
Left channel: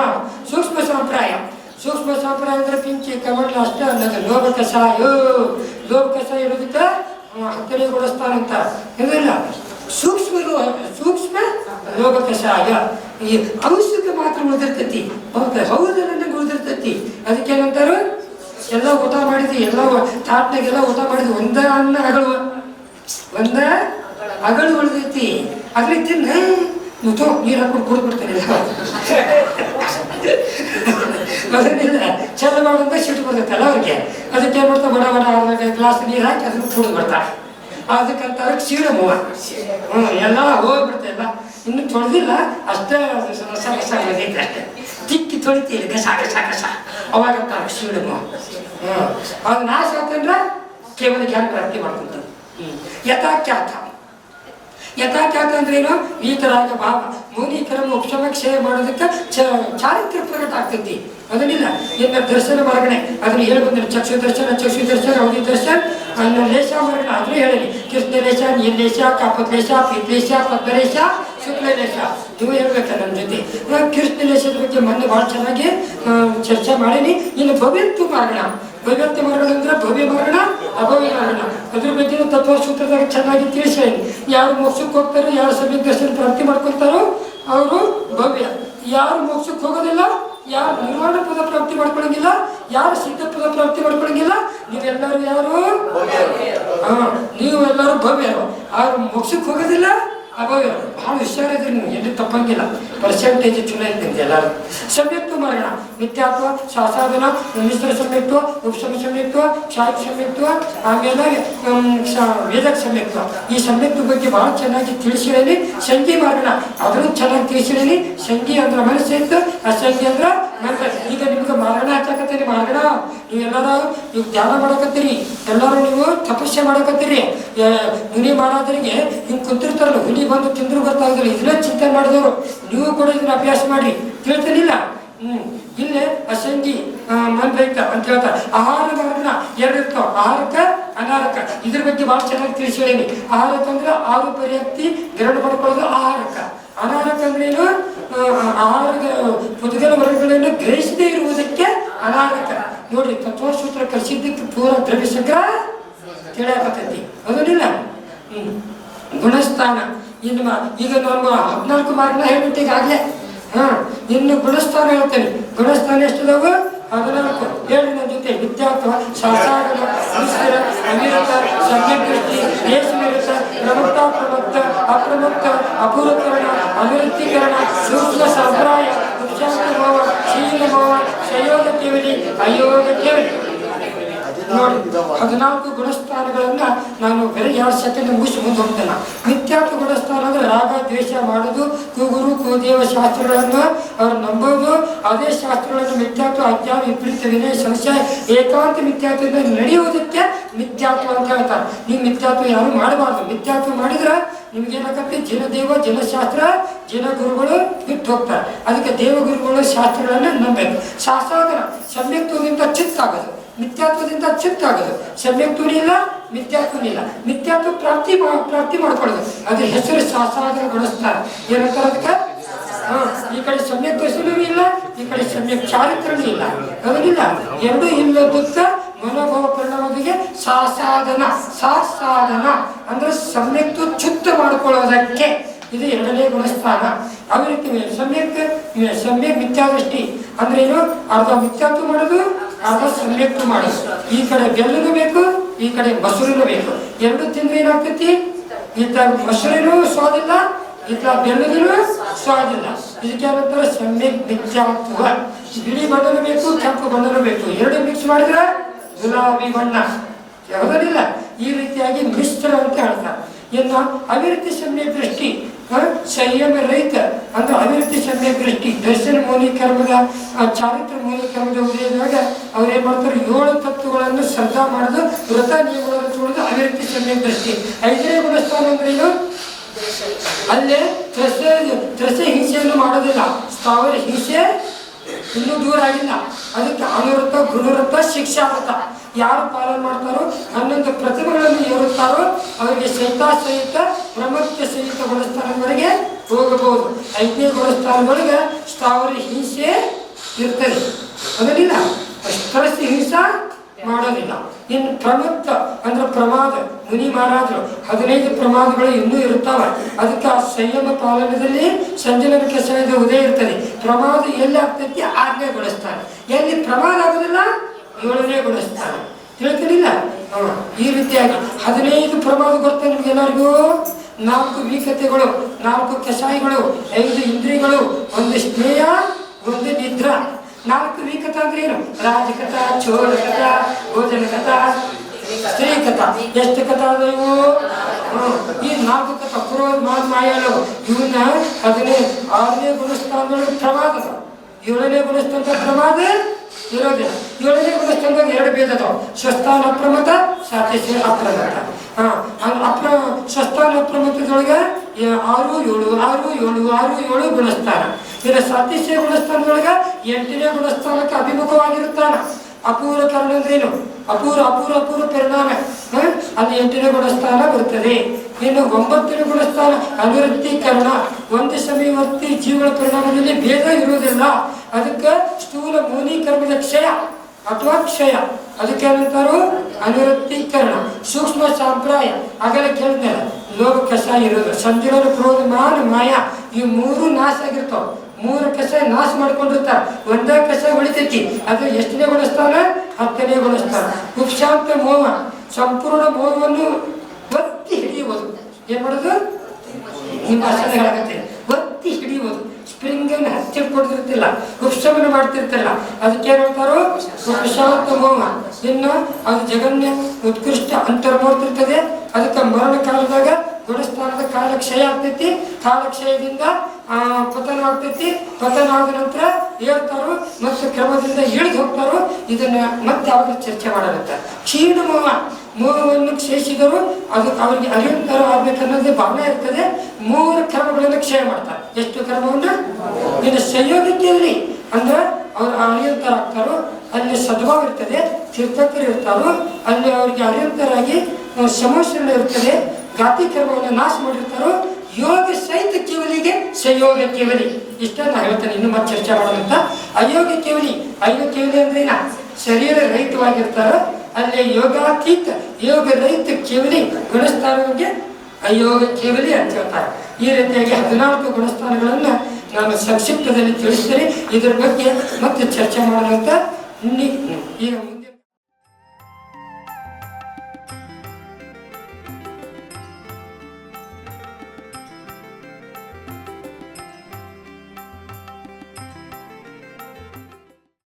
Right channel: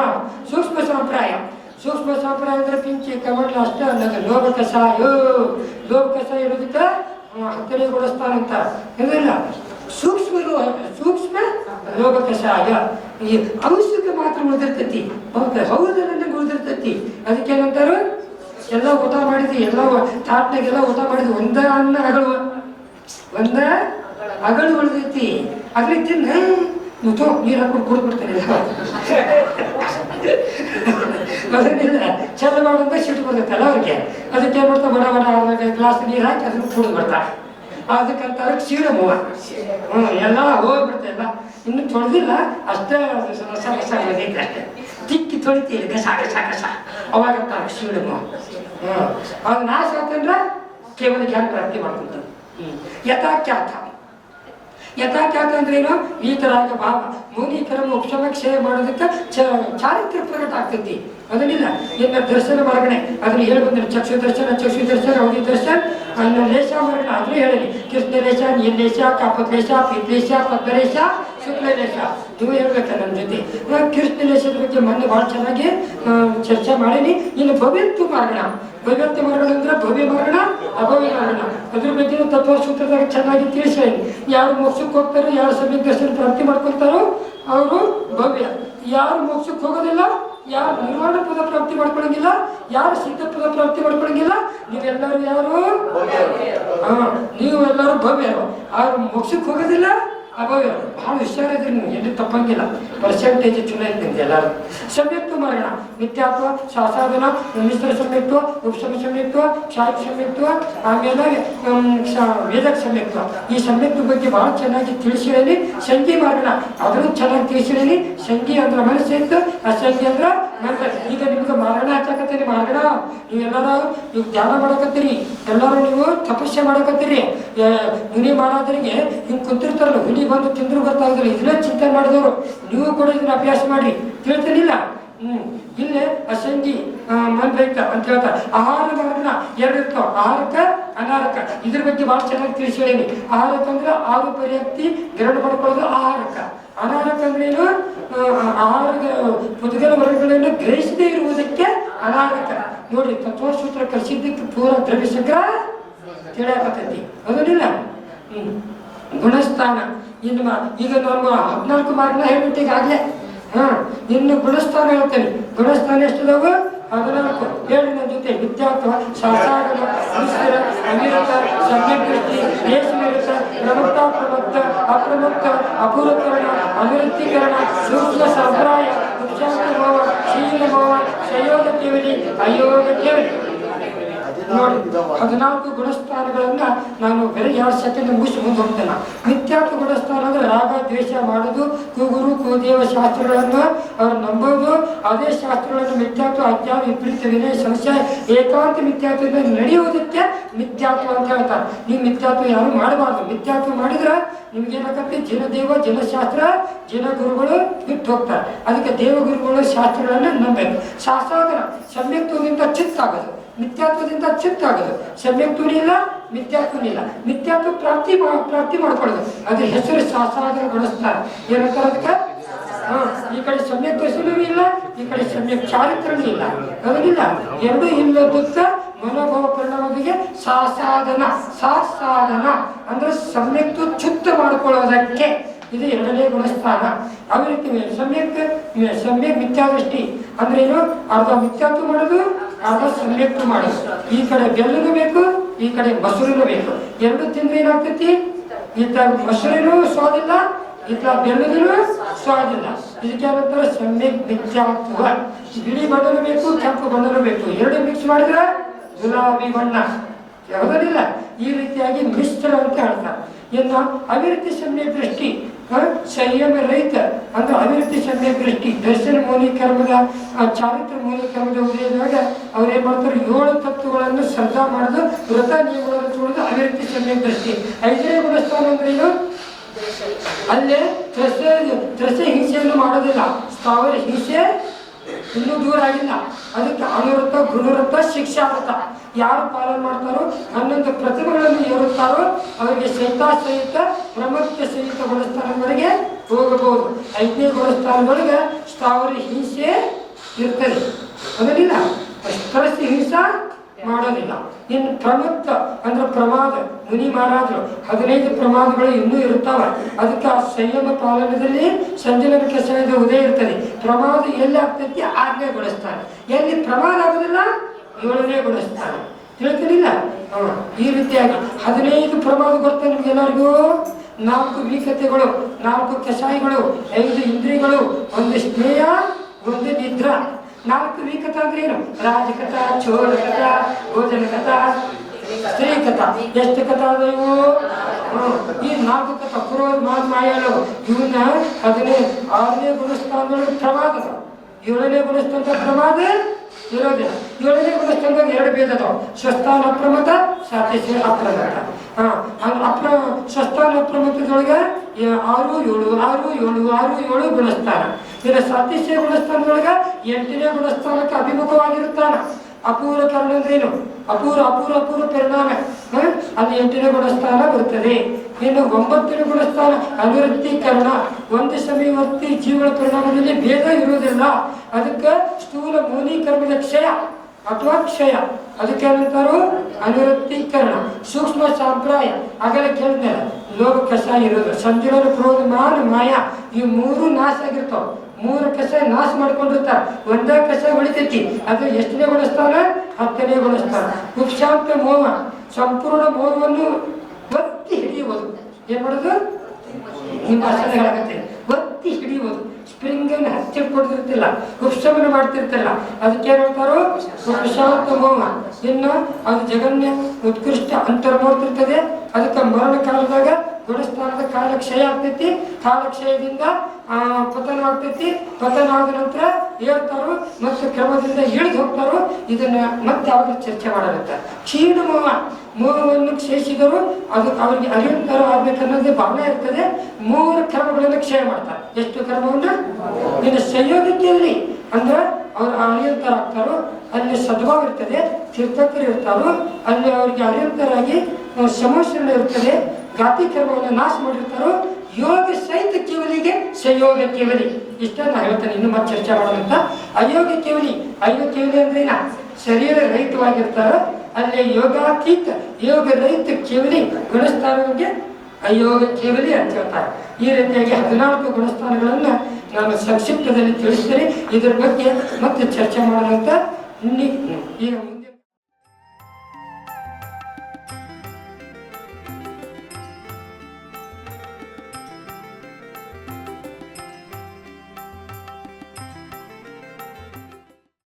ಸೂಕ್ಷ್ಮ ಸಂಪ್ರಾಯ. ಸೂಕ್ಷ್ಮ ಸಂಪ್ರಾಯ ಅಂದ್ರೆ ಪಿಂಚಿ ಕಮಂಡ್ಲ ಅಷ್ಟೇ ಅನ್ನೋದು ಲೋಭ ಕಷಾಯ ಲೋಭ ಕಸ ಇರೋದಕ್ಕೆ ಆ, ಹತ್ತನೇ ಗುಣಸ್ಥಾನ ಅಂತ ಇದಿಲ್ಲ ಸೂಕ್ಷ್ಮ ಲೋಹ ಸೂಕ್ಷ್ಮ ಲೋಭ ಕಷಾಯ ಈ ಔಷಧ ಮಾತ್ರ ಉಳಿದಿರ್ತೈತಿ. ಹೌದು ಹೌದು ನನಗೆ ಅದಕ್ಕೆ ಅದಕ್ಕೇನಂತಾರು ಎಲ್ಲ ಊಟ ಮಾಡಿದ್ವಿ ಎಲ್ಲ ತಾಟ್ನಾಗೆಲ್ಲ ಊಟ ಮಾಡಿದ್ವಿ. ಒಂದ ಅನ್ನ ಅಗಳು ಒಂದ ಅಗಳು ಉಳಿದೈತಿ. ಅದ್ರ ತಿನ್ನ ಮುತ್ತು ನೀರು ಹಾಕೊಂಡು ಕುಡಿದ್ಬಿಡ್ತಾನೆ. ಅದನ್ನೆಲ್ಲ ಚಂದ ಮಾಡೋದಂತ ಸಿಟ್ಟು ಬರ್ತೈತಲ್ಲ ಅವ್ರಿಗೆ. ಅದಕ್ಕೆ ಏನು ಮಾಡ್ತಾ, ಬಡ ಬಡ ಗ್ಲಾಸ್ ನೀರು ಹಾಕಿ ಅದನ್ನು ಕುಡಿದು ಬರ್ತಾ. ಅದಕ್ಕಂತ ಅದಕ್ಕೆ ಸೀಡಮುವ ಹ್ಞೂ ಎಲ್ಲ ಹೋಗ್ಬಿಡ್ತಾ ಎಲ್ಲ. ಇನ್ನು ತೊಳೆದಿಲ್ಲ, ಅಷ್ಟೇ ಅದು ರಸ ರಸ ಬಂದೈತೆ ಅಷ್ಟೇ. ತಿಕ್ಕಿ ತೊಳಿತೀವಿ ಸಾಕ ಗಸ ಗಸ ಅವಾಗ ಸೀಡ ಮೂವ ಹ್ಞೂ ಅವಾಗ ನಾಶ ಆತಂದ್ರೆ ಕೇವಲ ಜ್ಞಾನ ಪ್ರಾಪ್ತಿ ಮಾಡ್ಕೊಂತ ಯಥಾಖ್ಯಾತ. ಯಥಾಖ್ಯಾತ ಅಂದ್ರೆ ಏನು ಭಾವ. ಮುನಿ ಕರ್ಮ ಉಪಶಮ ಕ್ಷಯ ಮಾಡೋದಕ್ಕೆ ಚಾರಿತ್ರ್ಯ ಪ್ರಕಟ ಆಗ್ತೈತಿ. ಅದನ್ನಿಲ್ಲ. ಇನ್ನು ದರ್ಶನ ಮಾರ್ಗಣೆ. ಅದನ್ನ ಹೇಳಿ ಬಂದ್ರೆ ಚಕ್ಷು ದರ್ಶನ ಚಕ್ಷು ದರ್ಶನ ಅವಧಿ ದರ್ಶನ ಅನ್ನು ಲೇಷ ಮಾರ್ಗಣ. ಅದನ್ನು ಹೇಳಿ ಕೃಷ್ಣ ಲೇಷ ನೀಲ್ ಲೇಷ ಕಾಪತ್ ಲೇಷ ಪಿತ್ ಲೇಷ ಪದ್ಮಲೇಷ ಶುಕ್ಲ ಲೇಷ. ನೀವು ಹೇಳ್ಬೇಕು ನನ್ನ ಜೊತೆ. ಕೃಷ್ಣ ಲೇಷದ ಬಗ್ಗೆ ಮೊನ್ನೆ ಭಾಳ ಚೆನ್ನಾಗಿ ಚರ್ಚೆ ಮಾಡೀನಿ. ಇನ್ನು ಭವ್ಯತ್ವ ಮಾರ್ಗಣ. ಭವ್ಯತ್ವ ಮರಣ ಅಂದ್ರೆ ಭವ್ಯ ಮರಣ ಅಭವ್ಯ ಮರಣ ಅದ್ರ ಬಗ್ಗೆ ತತ್ವ ಸೂತ್ರದಾಗ ಚೆನ್ನಾಗಿ ತಿಳಿಸಿ. ಯಾರು ಮೋಕ್ಷಕ್ಕೆ ಹೋಗ್ತಾರೋ ಯಾರು ಸಭೆ ದರ್ಶನ ಪ್ರಾಪ್ತಿ ಮಾಡ್ಕೊಳ್ತಾರೋ ಅವರು ಭವ್ಯ. ಯಾರು ಮೋಕ್ಷಕ್ಕೆ ಹೋಗೋದಿಲ್ಲ ಯಾರು ನಿರ್ವಾಣ ಪದ ಪ್ರಾಪ್ತಿ ಮಾಡ್ಕೊಳಂಗಿಲ್ಲ ಯಾರು ಸಿದ್ಧ ಪದ ಪ್ರಾಪ್ತಿ ಮಾಡ್ಕೊಳಂಗಿಲ್ಲ ನೀವೆಲ್ಲರೂ ಯಾರು? ಹಾ ನೀವು ಎಲ್ಲರೂ ಭವ್ಯರು ಅವ್ರು ಮೋಕ್ಷಕ್ಕೆ ಹೋಗೋದಿಲ್ಲ ಅಭವ್ಯರು ಭಾಳ ಹುಷಾರ ಇದ್ರಿ ನೀವು ಎಲ್ಲಿ ತಪ್ಪಂಗಿಲ್ಲ. ಪರ್ಸೆಂಟೇಜ್ ಚಲೋ ಇದ್ದಂಗೆ ಎಲ್ಲರೂ. ಸಮ್ಯಕ್ತು ಮಾಡೋಣ ನಿತ್ಯಾತ್ವ ಶಾಸಾಧನ ಮಿಶ್ರ ಸಮ್ಯಕ್ತ್ವ ಉಪಸಮ ಸಮ್ಯಕ್ತ್ವ ಕ್ಷಾಕ್ ಸಮ್ಯಕ್ತ್ವ ಆಮೇಲೆ ವೇದಕ ಸಮ್ಯಕ್ತ್ವ ಈ ಸಮ್ಯಕ್ತ್ವ ಬಗ್ಗೆ ಭಾಳ ಚೆನ್ನಾಗಿ ತಿಳಿಸಿರಲಿ. ಸಂಗಿ ಮಾಡೋಣ ಅದನ್ನು ಚೆನ್ನಾಗಿ ತಿಳಿಸಿರಲಿ. ಸಂಗಿ ಅಂದ್ರೆ ಮನಸ್ಸು ಇತ್ತು ಅಸಂಗಿ ಅಂದ್ರೆ ಮಂತ್ರ ಈಗ ನಿಮ್ಗೆ ಮಾರಣ ಹಚ್ಚಕತ್ತೀರಿ ಮಾರಣ ನೀವೆಲ್ಲರೂ ಈಗ ಧ್ಯಾನ ಮಾಡಕತ್ತೀರಿ. ಎಲ್ಲರೂ ನೀವು ತಪಸ್ಸೆ ಮಾಡಕತ್ತೀರಿ. ಮುನಿ ಮಹಾರಾಜರಿಗೆ ಹಿಂಗೆ ಕುಂತಿರ್ತಾರಲ್ಲ, ಹುಲಿ ಬಂದು ತಿಂದ್ರು ಗೊತ್ತಾಗಲ್ಲ ಇದನ್ನ ಚಿಂತೆ ಮಾಡಿದವರು. ನೀವು ಕೂಡ ಇದನ್ನ ಅಭ್ಯಾಸ ಮಾಡಿ ತಿಳ್ತೀನಿಲ್ಲ ಹ್ಮ್. ಇಲ್ಲೇ ಅಸಂಗಿ ಆ, ಮಂದೈತ ಅಂತ ಹೇಳ್ತಾರೆ. ಆಹಾರ ಮಾರ್ಗನ ಎರಡು ಇರ್ತಾವ. ಆಹಾರಕ್ಕ ಅನಾರಕ ಇದ್ರ ಬಗ್ಗೆ ಬಹಳ ಚೆನ್ನಾಗಿ ತಿಳಿಸಿ ಹೇಳೀನಿ. ಆಹಾರಕ್ಕೆ ಅಂದ್ರೆ ಆರು ಪರ್ಯಾಪ್ತಿ ಎರಡು ಪಡ್ಕೊಳ್ಳೋದು ಆಹಾರಕ ಅನಾರಕ ಅಂದ್ರೆ ಏನು? ಆಹಾರದ ಪುದಗಲ ವರ್ಗಗಳನ್ನು ಗ್ರಹಿಸದೆ ಇರುವುದಕ್ಕೆ ಅನಾರಕ ನೋಡಿ ತತ್ವಸೂತ್ರ ಕಲಿಸಿದ್ದಕ್ಕೆ ಪೂರ ದ್ರವ್ಯ ಸಂಗ್ರಹ ಕೇಳಾಕತ್ತೈತಿ ಹ್ಮ್ ಗುಣಸ್ಥಾನ. ಇನ್ನು ಈಗ ನಾನು ಹದಿನಾಲ್ಕು ಮಾರ್ಕ್ನ ಹೇಳ್ಬಿಟ್ಟು ಈಗಾಗಲೇ. ಹಾ, ಇನ್ನು ಗುಣಸ್ಥಾನ ಹೇಳ್ತೇನೆ. ಗುಣಸ್ಥಾನ ಎಷ್ಟಿದಾವು ಹದಿನಾಲ್ಕು. ಹೇಳಿ ನನ್ನ ಜೊತೆ. ವಿದ್ಯಾತ್ವ ಸಹಸಾಗರ ನಿಸ್ತರ ಅವಿರತ ಸಮ್ಯದೃಷ್ಟಿ ದೇಶನಿರತ ಪ್ರಮುಕ್ತ ಅಪ್ರಮುಕ್ತ ಅಪೂರ್ವಕರಣ ಅಭಿವೃದ್ಧಿಕರಣ ಸೂಕ್ಷ್ಮ ಸಂಪ್ರಾಯ ಉಚ್ಚಾಂತ ಭಾವ, ಶೀಲ ಭಾವ, ಸಂಯೋಗ ಕೇವಲಿ ಅಯೋಗ ಕೇವಲಿ ನೋಡಿ ಹದಿನಾಲ್ಕು ಗುಣಸ್ಥಾನಗಳನ್ನ ನಾನು ಬೇರೆ ಎರಡು ಸೆಕೆಂಡ್ ಮುಗಿಸಿ ಮುಂದೆ ಹೋಗ್ತೇನೆ. ಮಿಥ್ಯಾತ್ವ ಗುಣಸ್ಥಾನ ಅಂದ್ರೆ ರಾಗ, ದ್ವೇಷ ಮಾಡೋದು ಕುಗುರು ಕುದೇವ ಶಾಸ್ತ್ರಗಳನ್ನು ಅವ್ರು ನಂಬೋದು, ಅದೇ ಶಾಸ್ತ್ರಗಳನ್ನು ಮಿಥ್ಯಾತ್ವ ಅಜ್ಞಾನ, ವಿಪರೀತ, ವಿನಯ, ಸಂಶಯ, ಏಕಾಂತ ಮಿಥ್ಯಾತ್ವದಿಂದ ನಡೆಯುವುದಕ್ಕೆ ಮಿಥ್ಯಾತ್ವ ಅಂತ ಹೇಳ್ತಾರೆ. ನೀವು ಮಿಥ್ಯಾತ್ವ ಯಾರು ಮಾಡಬಾರ್ದು. ಮಿಥ್ಯಾತ್ವ ಮಾಡಿದ್ರೆ ನಿಮ್ಗೇನಾಗತ್ತೆ ಜನದೇವ ಜನಶಾಸ್ತ್ರ ಜನಗುರುಗಳು ಬಿಟ್ಟು ಹೋಗ್ತಾರೆ. ಅದಕ್ಕೆ ದೇವಗುರುಗಳು ಶಾಸ್ತ್ರಗಳನ್ನು ನಂಬಬೇಕು. ಶಾಸ್ತ್ರ ಸಮ್ಯಕ್ತದಿಂದ ಚಿತ್ತಾಗೋದು. ಮಿಥ್ಯಾತ್ವದಿಂದ ಚಿತ್ತಾಗೋದು ಸಮ್ಯಕ್ತೂ ಇಲ್ಲ, ಮಿಥ್ಯಾತ್ವನೂ ಇಲ್ಲ. ಮಿಥ್ಯಾತ್ವ ಪ್ರಾಪ್ತಿ ಪ್ರಾಪ್ತಿ ಮಾಡ್ಕೊಳ್ಳೋದು. ಅದ್ರ ಹೆಸರು ಶಾಸ್ತ್ರ ಗಣಿಸ್ತಾರೆ ಏನಂತಾರೆ ಅದಕ್ಕೆ? ಈ ಕಡೆ ಸಮ್ಯಕ್ ದರ್ಶನೂ ಇಲ್ಲ, ಈ ಕಡೆ ಸಮ್ಯಕ್ ಚಾರಿತ್ರನೂ ಇಲ್ಲ. ಅದನ್ನಿಲ್ಲ ಎರಡೂ ಇಲ್ಲದಕ್ಕ ಮನೋಭಾವ ಪರಿಣಾಮದಿಗೆ ಸಾಸಾಧನ ಸಾಸಾಧನ. ಅಂದ್ರೆ ಸಮ್ಯಕ್ತು ಚುತ್ತ ಮಾಡ್ಕೊಳ್ಳೋದಕ್ಕೆ ಇದು ಎರಡನೇ ಗುಣಸ್ಥಾನ. ಅದೇ ರೀತಿ? ಸಮ್ಯಕ್ ಸಮ್ಯಕ್ ಮಿಥ್ಯಾದೃಷ್ಟಿ. ಅಂದ್ರೆ ಏನು? ಅರ್ಧ ಮಿಥ್ಯಾತ್ವ ಮಾಡೋದು ಅರ್ಧ ನೆಟ್ಟು ಮಾಡಿ. ಈ ಕಡೆ ಬೆಲ್ಲನು ಬೇಕು, ಈ ಕಡೆ ಮೊಸರುನು ಬೇಕು. ಎರಡು ತಿಂದ್ರೆ ಏನಾಗ್ತೈತಿ? ಇತ್ತ ಮೊಸರಿನೂ ಸ್ವಾದಿಲ್ಲ ಇತ್ತ ಬೆಲ್ಲದೂ ಸ್ವಾದಿಲ್ಲ. ಇದಕ್ಕೆ ಸಮ್ಯಕ್ ಮಿಥ್ಯಾತ್ವ ಬಿಳಿ ಬಣ್ಣನೂ ಬೇಕು, ಕೆಂಪು ಬಣ್ಣನೂ ಬೇಕು. ಎರಡು ಮಿಕ್ಸ್ ಮಾಡಿದ್ರೆ ಗುಲಾಬಿ ಬಣ್ಣ. ಯಾವುದಿಲ್ಲ ಈ ರೀತಿಯಾಗಿ ಮಿಶ್ರ ಅಂತ ಹೇಳ್ತಾರೆ. ಇನ್ನು ಅಭಿವೃದ್ಧಿ ಸಮ್ಯ ದೃಷ್ಟಿ. ಸಂಯಮ ರಹಿತ ಅಂದ್ರೆ ಅಭಿವೃದ್ಧಿ ಸಮ್ಯ ದೃಷ್ಟಿ ದರ್ಶನ ಆ, ಚಾರಿತ್ರ ಮೂಲಿ ಕರ್ಮದ ಉದಯದಾಗ ಅವ್ರು ಏನ್ ಮಾಡ್ತಾರೆ? ಏಳು ತತ್ವಗಳನ್ನು ಶ್ರದ್ಧಾ ಮಾಡೋದು ವ್ರತ ನಿಯಮಗಳನ್ನು ತೊಗೊಳ್ಳೋದು ಅಭಿವೃದ್ಧಿ ಸಮ್ಯ ದೃಷ್ಟಿ ಐದನೇ ಗುಣಸ್ಥಾನ ಅಂದ್ರೆ ಏನು? ಅಲ್ಲೇ ತ್ರಸೆ ತ್ರಸೆ ಹಿಂಸೆಯನ್ನು ಮಾಡೋದಿಲ್ಲ. ಸ್ಥಾವರ ಹಿಂಸೆ ಇನ್ನೂ ದೂರ ಆಗಿಲ್ಲ. ಅದಕ್ಕೆ ಅನುವೃತ್ತ ಗುಣವೃತ್ತ ಶಿಕ್ಷಾವೃತ ಯಾರು ಪಾಲನೆ ಮಾಡ್ತಾರೋ, ಹನ್ನೊಂದು ಪ್ರತಿಮೆಗಳನ್ನು ಏರುತ್ತಾರೋ, ಅವರಿಗೆ ಸಹಿತ ಸಹಿತ ಪ್ರಮುಖ ಸಹಿತ ಗುಣಸ್ಥಾನಗಳಿಗೆ ಹೋಗಬಹುದು. ಐದನೇ ಗುಣಸ್ಥಾನಗಳಿಗೆ ಸ್ಥಾವರಿ ಹಿಂಸೆ ಇರ್ತದೆ. ಅದರಿಂದ ಅಷ್ಟರಷ್ಟು ಹಿಂಸಾ ಮಾಡೋದಿಲ್ಲ. ಇನ್ನು ಪ್ರಮುಖ ಅಂದ್ರೆ ಪ್ರಮಾದ, ಮುನಿ ಮಹಾರಾಜರು, ಹದಿನೈದು ಪ್ರಮಾದಗಳು ಇನ್ನೂ ಇರ್ತಾವೆ ಅದಕ್ಕೆ ಆ ಸಂಯಮ ಪಾಲನದಲ್ಲಿ ಸಂಜಲನ ಕೆಸರದ ಉದಯ ಇರ್ತದೆ. ಪ್ರಮಾದ ಎಲ್ಲಿ ಆಗ್ತೈತಿ, ಆಜ್ಞೆಗೊಳಿಸ್ತಾರೆ. ಎಲ್ಲಿ ಪ್ರಮಾದ ಆಗೋದಿಲ್ಲ ಏಳನೇ ಗುಣಸ್ಥಾನ. ಹ, ಈ ರೀತಿಯಾಗಿ ಹದಿನೈದು ಪ್ರಮಾದ ಬರ್ತದೆ ನಿಮ್ಗೆ ಎಲ್ಲರಿಗೂ ನಾಲ್ಕು ವೀಕತೆಗಳು ನಾಲ್ಕು ಕಷಾಯಗಳು ಐದು ಇಂದ್ರಿಯಗಳು ಒಂದು ಸ್ನೇಹ ಒಂದು ನಿದ್ರಾ. ನಾಲ್ಕು ವೀಕತ ಅಂದ್ರೆ ಏನು? ರಾಜಕಥ ಚೋರ ಕಥ ಭೋಜನ ಕಥ ಸ್ತ್ರೀ ಕಥ ಎಷ್ಟು ಕಥ ಇವು ಈ ನಾಲ್ಕು ಕಥ ಪೂರ್ವ ಮಾದ ಮಾಯಾಳು ಇವನ್ನ ಹದಿನೈದು ಆರನೇ ಗುಣಸ್ಥಾನ ಪ್ರಮಾದ ಏಳನೇ ಗುಣಸ್ಥಾನ ಪ್ರಮಾದ ಇರೋದಿಲ್ಲ ಏಳನೇ ಗುಣಸ್ಥಾನದಾಗ ಎರಡು ಭೇದ ಅದಾವ. ಸ್ವಸ್ಥಾನ ಅಪ್ರಮತ ಸಾತಿಸಿ ಅಪ್ರಮತ ಹಾ ಅದು ಅಪ್ರ ಸ್ವಸ್ಥಾನ ಅಪ್ರಮತದೊಳಗೆ ಆರು, ಏಳು ಆರು ಏಳು ಆರು, ಏಳು ಗುಣಸ್ಥಾನ. ಇನ್ನು ಸಾತಿಸ್ಯ ಗುಣಸ್ಥಾನದೊಳಗೆ ಎಂಟನೇ ಗುಣಸ್ಥಾನಕ್ಕೆ ಅಭಿಮುಖವಾಗಿರುತ್ತಾನ. ಅಪೂರ್ವ ಕಾರಣ ಅಂದ್ರೇನು? ಅಪೂರ್ವ ಅಪೂರ್ವ ಅಪೂರ್ವ ಪರಿಣಾಮ? ಅಲ್ಲಿ ಎಂಟನೇ ಗುಣಸ್ಥಾನ ಬರುತ್ತದೆ ಇನ್ನು ಒಂಬತ್ತನೇ ಗುಣಸ್ಥಾನ ಅನುವೃತ್ತೀಕರಣ ಒಂದು ಸಮಯವರ್ತಿ ಜೀವನ ಪರಿಣಾಮದಲ್ಲಿ ಭೇದ ಇರುವುದಿಲ್ಲ. ಅದಕ್ಕೆ ಸ್ಥೂಲ ಮೂಲೀಕರಣದ ಕ್ಷಯ ಅಥವಾ ಕ್ಷಯ. ಅದಕ್ಕೆ ಏನಂತಾರು? ಅನುವೃತ್ತೀಕರಣ ಸೂಕ್ಷ್ಮ ಸಂಪ್ರಾಯ. ಆಗಲೇ ಕೇಳಿದ್ರೆ ಲೋಕ ಕಸ ಇರೋದು. ಸಂಜೀವನ ಕ್ರೋಧ, ಮಾನ, ಮಾಯ, ಈ ಮೂರು ನಾಶ ಆಗಿರ್ತಾವ. ಮೂರು ಕಸ ನಾಶ ಮಾಡ್ಕೊಂಡಿರ್ತಾರ. ಒಂದೇ ಕಸ ಉಳಿತೈತಿ. ಅದು ಎಷ್ಟನೇ ಗುಣಸ್ಥಾನ? ಹತ್ತನೇ ಗುಣಸ್ಥಾನ. ಉಪಶಾಂತ ಮೋಹ. ಸಂಪೂರ್ಣ ಮೋಹವನ್ನು ಒತ್ತಿ ಹಿಡಿಯುವುದು. ಏನ್ ಮಾಡೋದು? ನಿಮ್ಮ ಭಾಷೆ ಹೇಳಕತ್ತೆ ಒತ್ತಿ ಹಿಡಿಯುವುದು. ಸ್ಪ್ರಿಂಗ್ ಅನ್ನು ಹಚ್ಚಿಟ್ಕೊಡ್ತಿರ್ತಿಲ್ಲ ಉತ್ಸವನ ಮಾಡ್ತಿರ್ತಿಲ್ಲ. ಅದಕ್ಕೆ ಏನ್ ಹೇಳ್ತಾರೋ ಉಪಶಾಂತ ಹೋಮ. ಇನ್ನು ಅದು ಜಗನ್ಯ ಉತ್ಕೃಷ್ಟ ಅಂತರ್ಮೂರ್ತಿರ್ತದೆ ಅದಕ್ಕೆ ಮರಣ ಕಾಲದಾಗ ಗುಣಸ್ಥಾನದ ಕಾಲ ಕ್ಷಯ ಆಗ್ತೈತಿ. ಕಾಲಕ್ಷಯದಿಂದ ಪತನ ಆಗ್ತೈತಿ. ಪತನ ಆದ ನಂತರ ಹೇಳ್ತಾರೋ ಮತ್ತು ಕ್ರಮದಿಂದ ಇಳಿದು ಹೋಗ್ತಾರೋ ಇದನ್ನ ಮತ್ತೆ ಅವಾಗ ಚರ್ಚೆ ಮಾಡಾಗುತ್ತೆ ಕ್ಷೀಣ ಮೋಹ ಮೋಹವನ್ನು ಕ್ಷಯಿಸಿದರು ಅದು ಅವರಿಗೆ ಅರಿವಂತರ ಆಗ್ಬೇಕನ್ನೋದೇ ಭಾವನೆ ಇರ್ತದೆ. ಮೂರು ಕ್ರಮಗಳನ್ನು ಕ್ಷಯ ಮಾಡ್ತಾರೆ. ಎಷ್ಟು ಕ್ರಮವನ್ನು ಇನ್ನು ಸಂಯೋಗಕ್ಕಿರಲಿ ಅಂದ್ರೆ ಅವ್ರು ಅಲಿಯಂತರ ಆಗ್ತಾರೋ, ಅಲ್ಲಿ ಸದ್ಭಾವ ಇರ್ತದೆ ತೀರ್ಥಕರು ಇರ್ತಾರೋ, ಅಲ್ಲಿ ಅವರಿಗೆ ಅಲಿಯಂತರಾಗಿ ಸಮೋಷಣ ಇರ್ತದೆ ಜಾತಿ ಕರ್ಮವನ್ನು ನಾಶ ಮಾಡಿರ್ತಾರೋ, ಯೋಗ ಸಹಿತ ಕೇವಲಿಗೆ ಸಂಯೋಗ ಕೇವಲಿ. ಇಷ್ಟನ್ನ ಹೇಳ್ತೇನೆ, ಇನ್ನು ಮತ್ತೆ ಚರ್ಚೆ ಮಾಡೋದಂತ ಅಯೋಗ ಕೇವಲಿ ಅಯೋಗ ಕೇವಲಿ ಅಂದ್ರೆ ಶರೀರ ರಹಿತವಾಗಿರ್ತಾರೋ, ಅಲ್ಲಿ ಯೋಗಾತೀತ ಯೋಗ ರಹಿತ ಕೇವಲಿ ಗುಣಸ್ಥಾನಗಳಿಗೆ ಅಯೋಗ ಕೇವಲಿ ಅಂತ ಹೇಳ್ತಾರೆ. ಈ ರೀತಿಯಾಗಿ ಹದಿನಾಲ್ಕು ಗುಣಸ್ಥಾನಗಳನ್ನ ನಾನು ಸಂಕ್ಷಿಪ್ತದಲ್ಲಿ ತಿಳಿಸಿದರೆ ಇದರ ಬಗ್ಗೆ ಮತ್ತೆ ಚರ್ಚೆ ನಿ- ಈಗ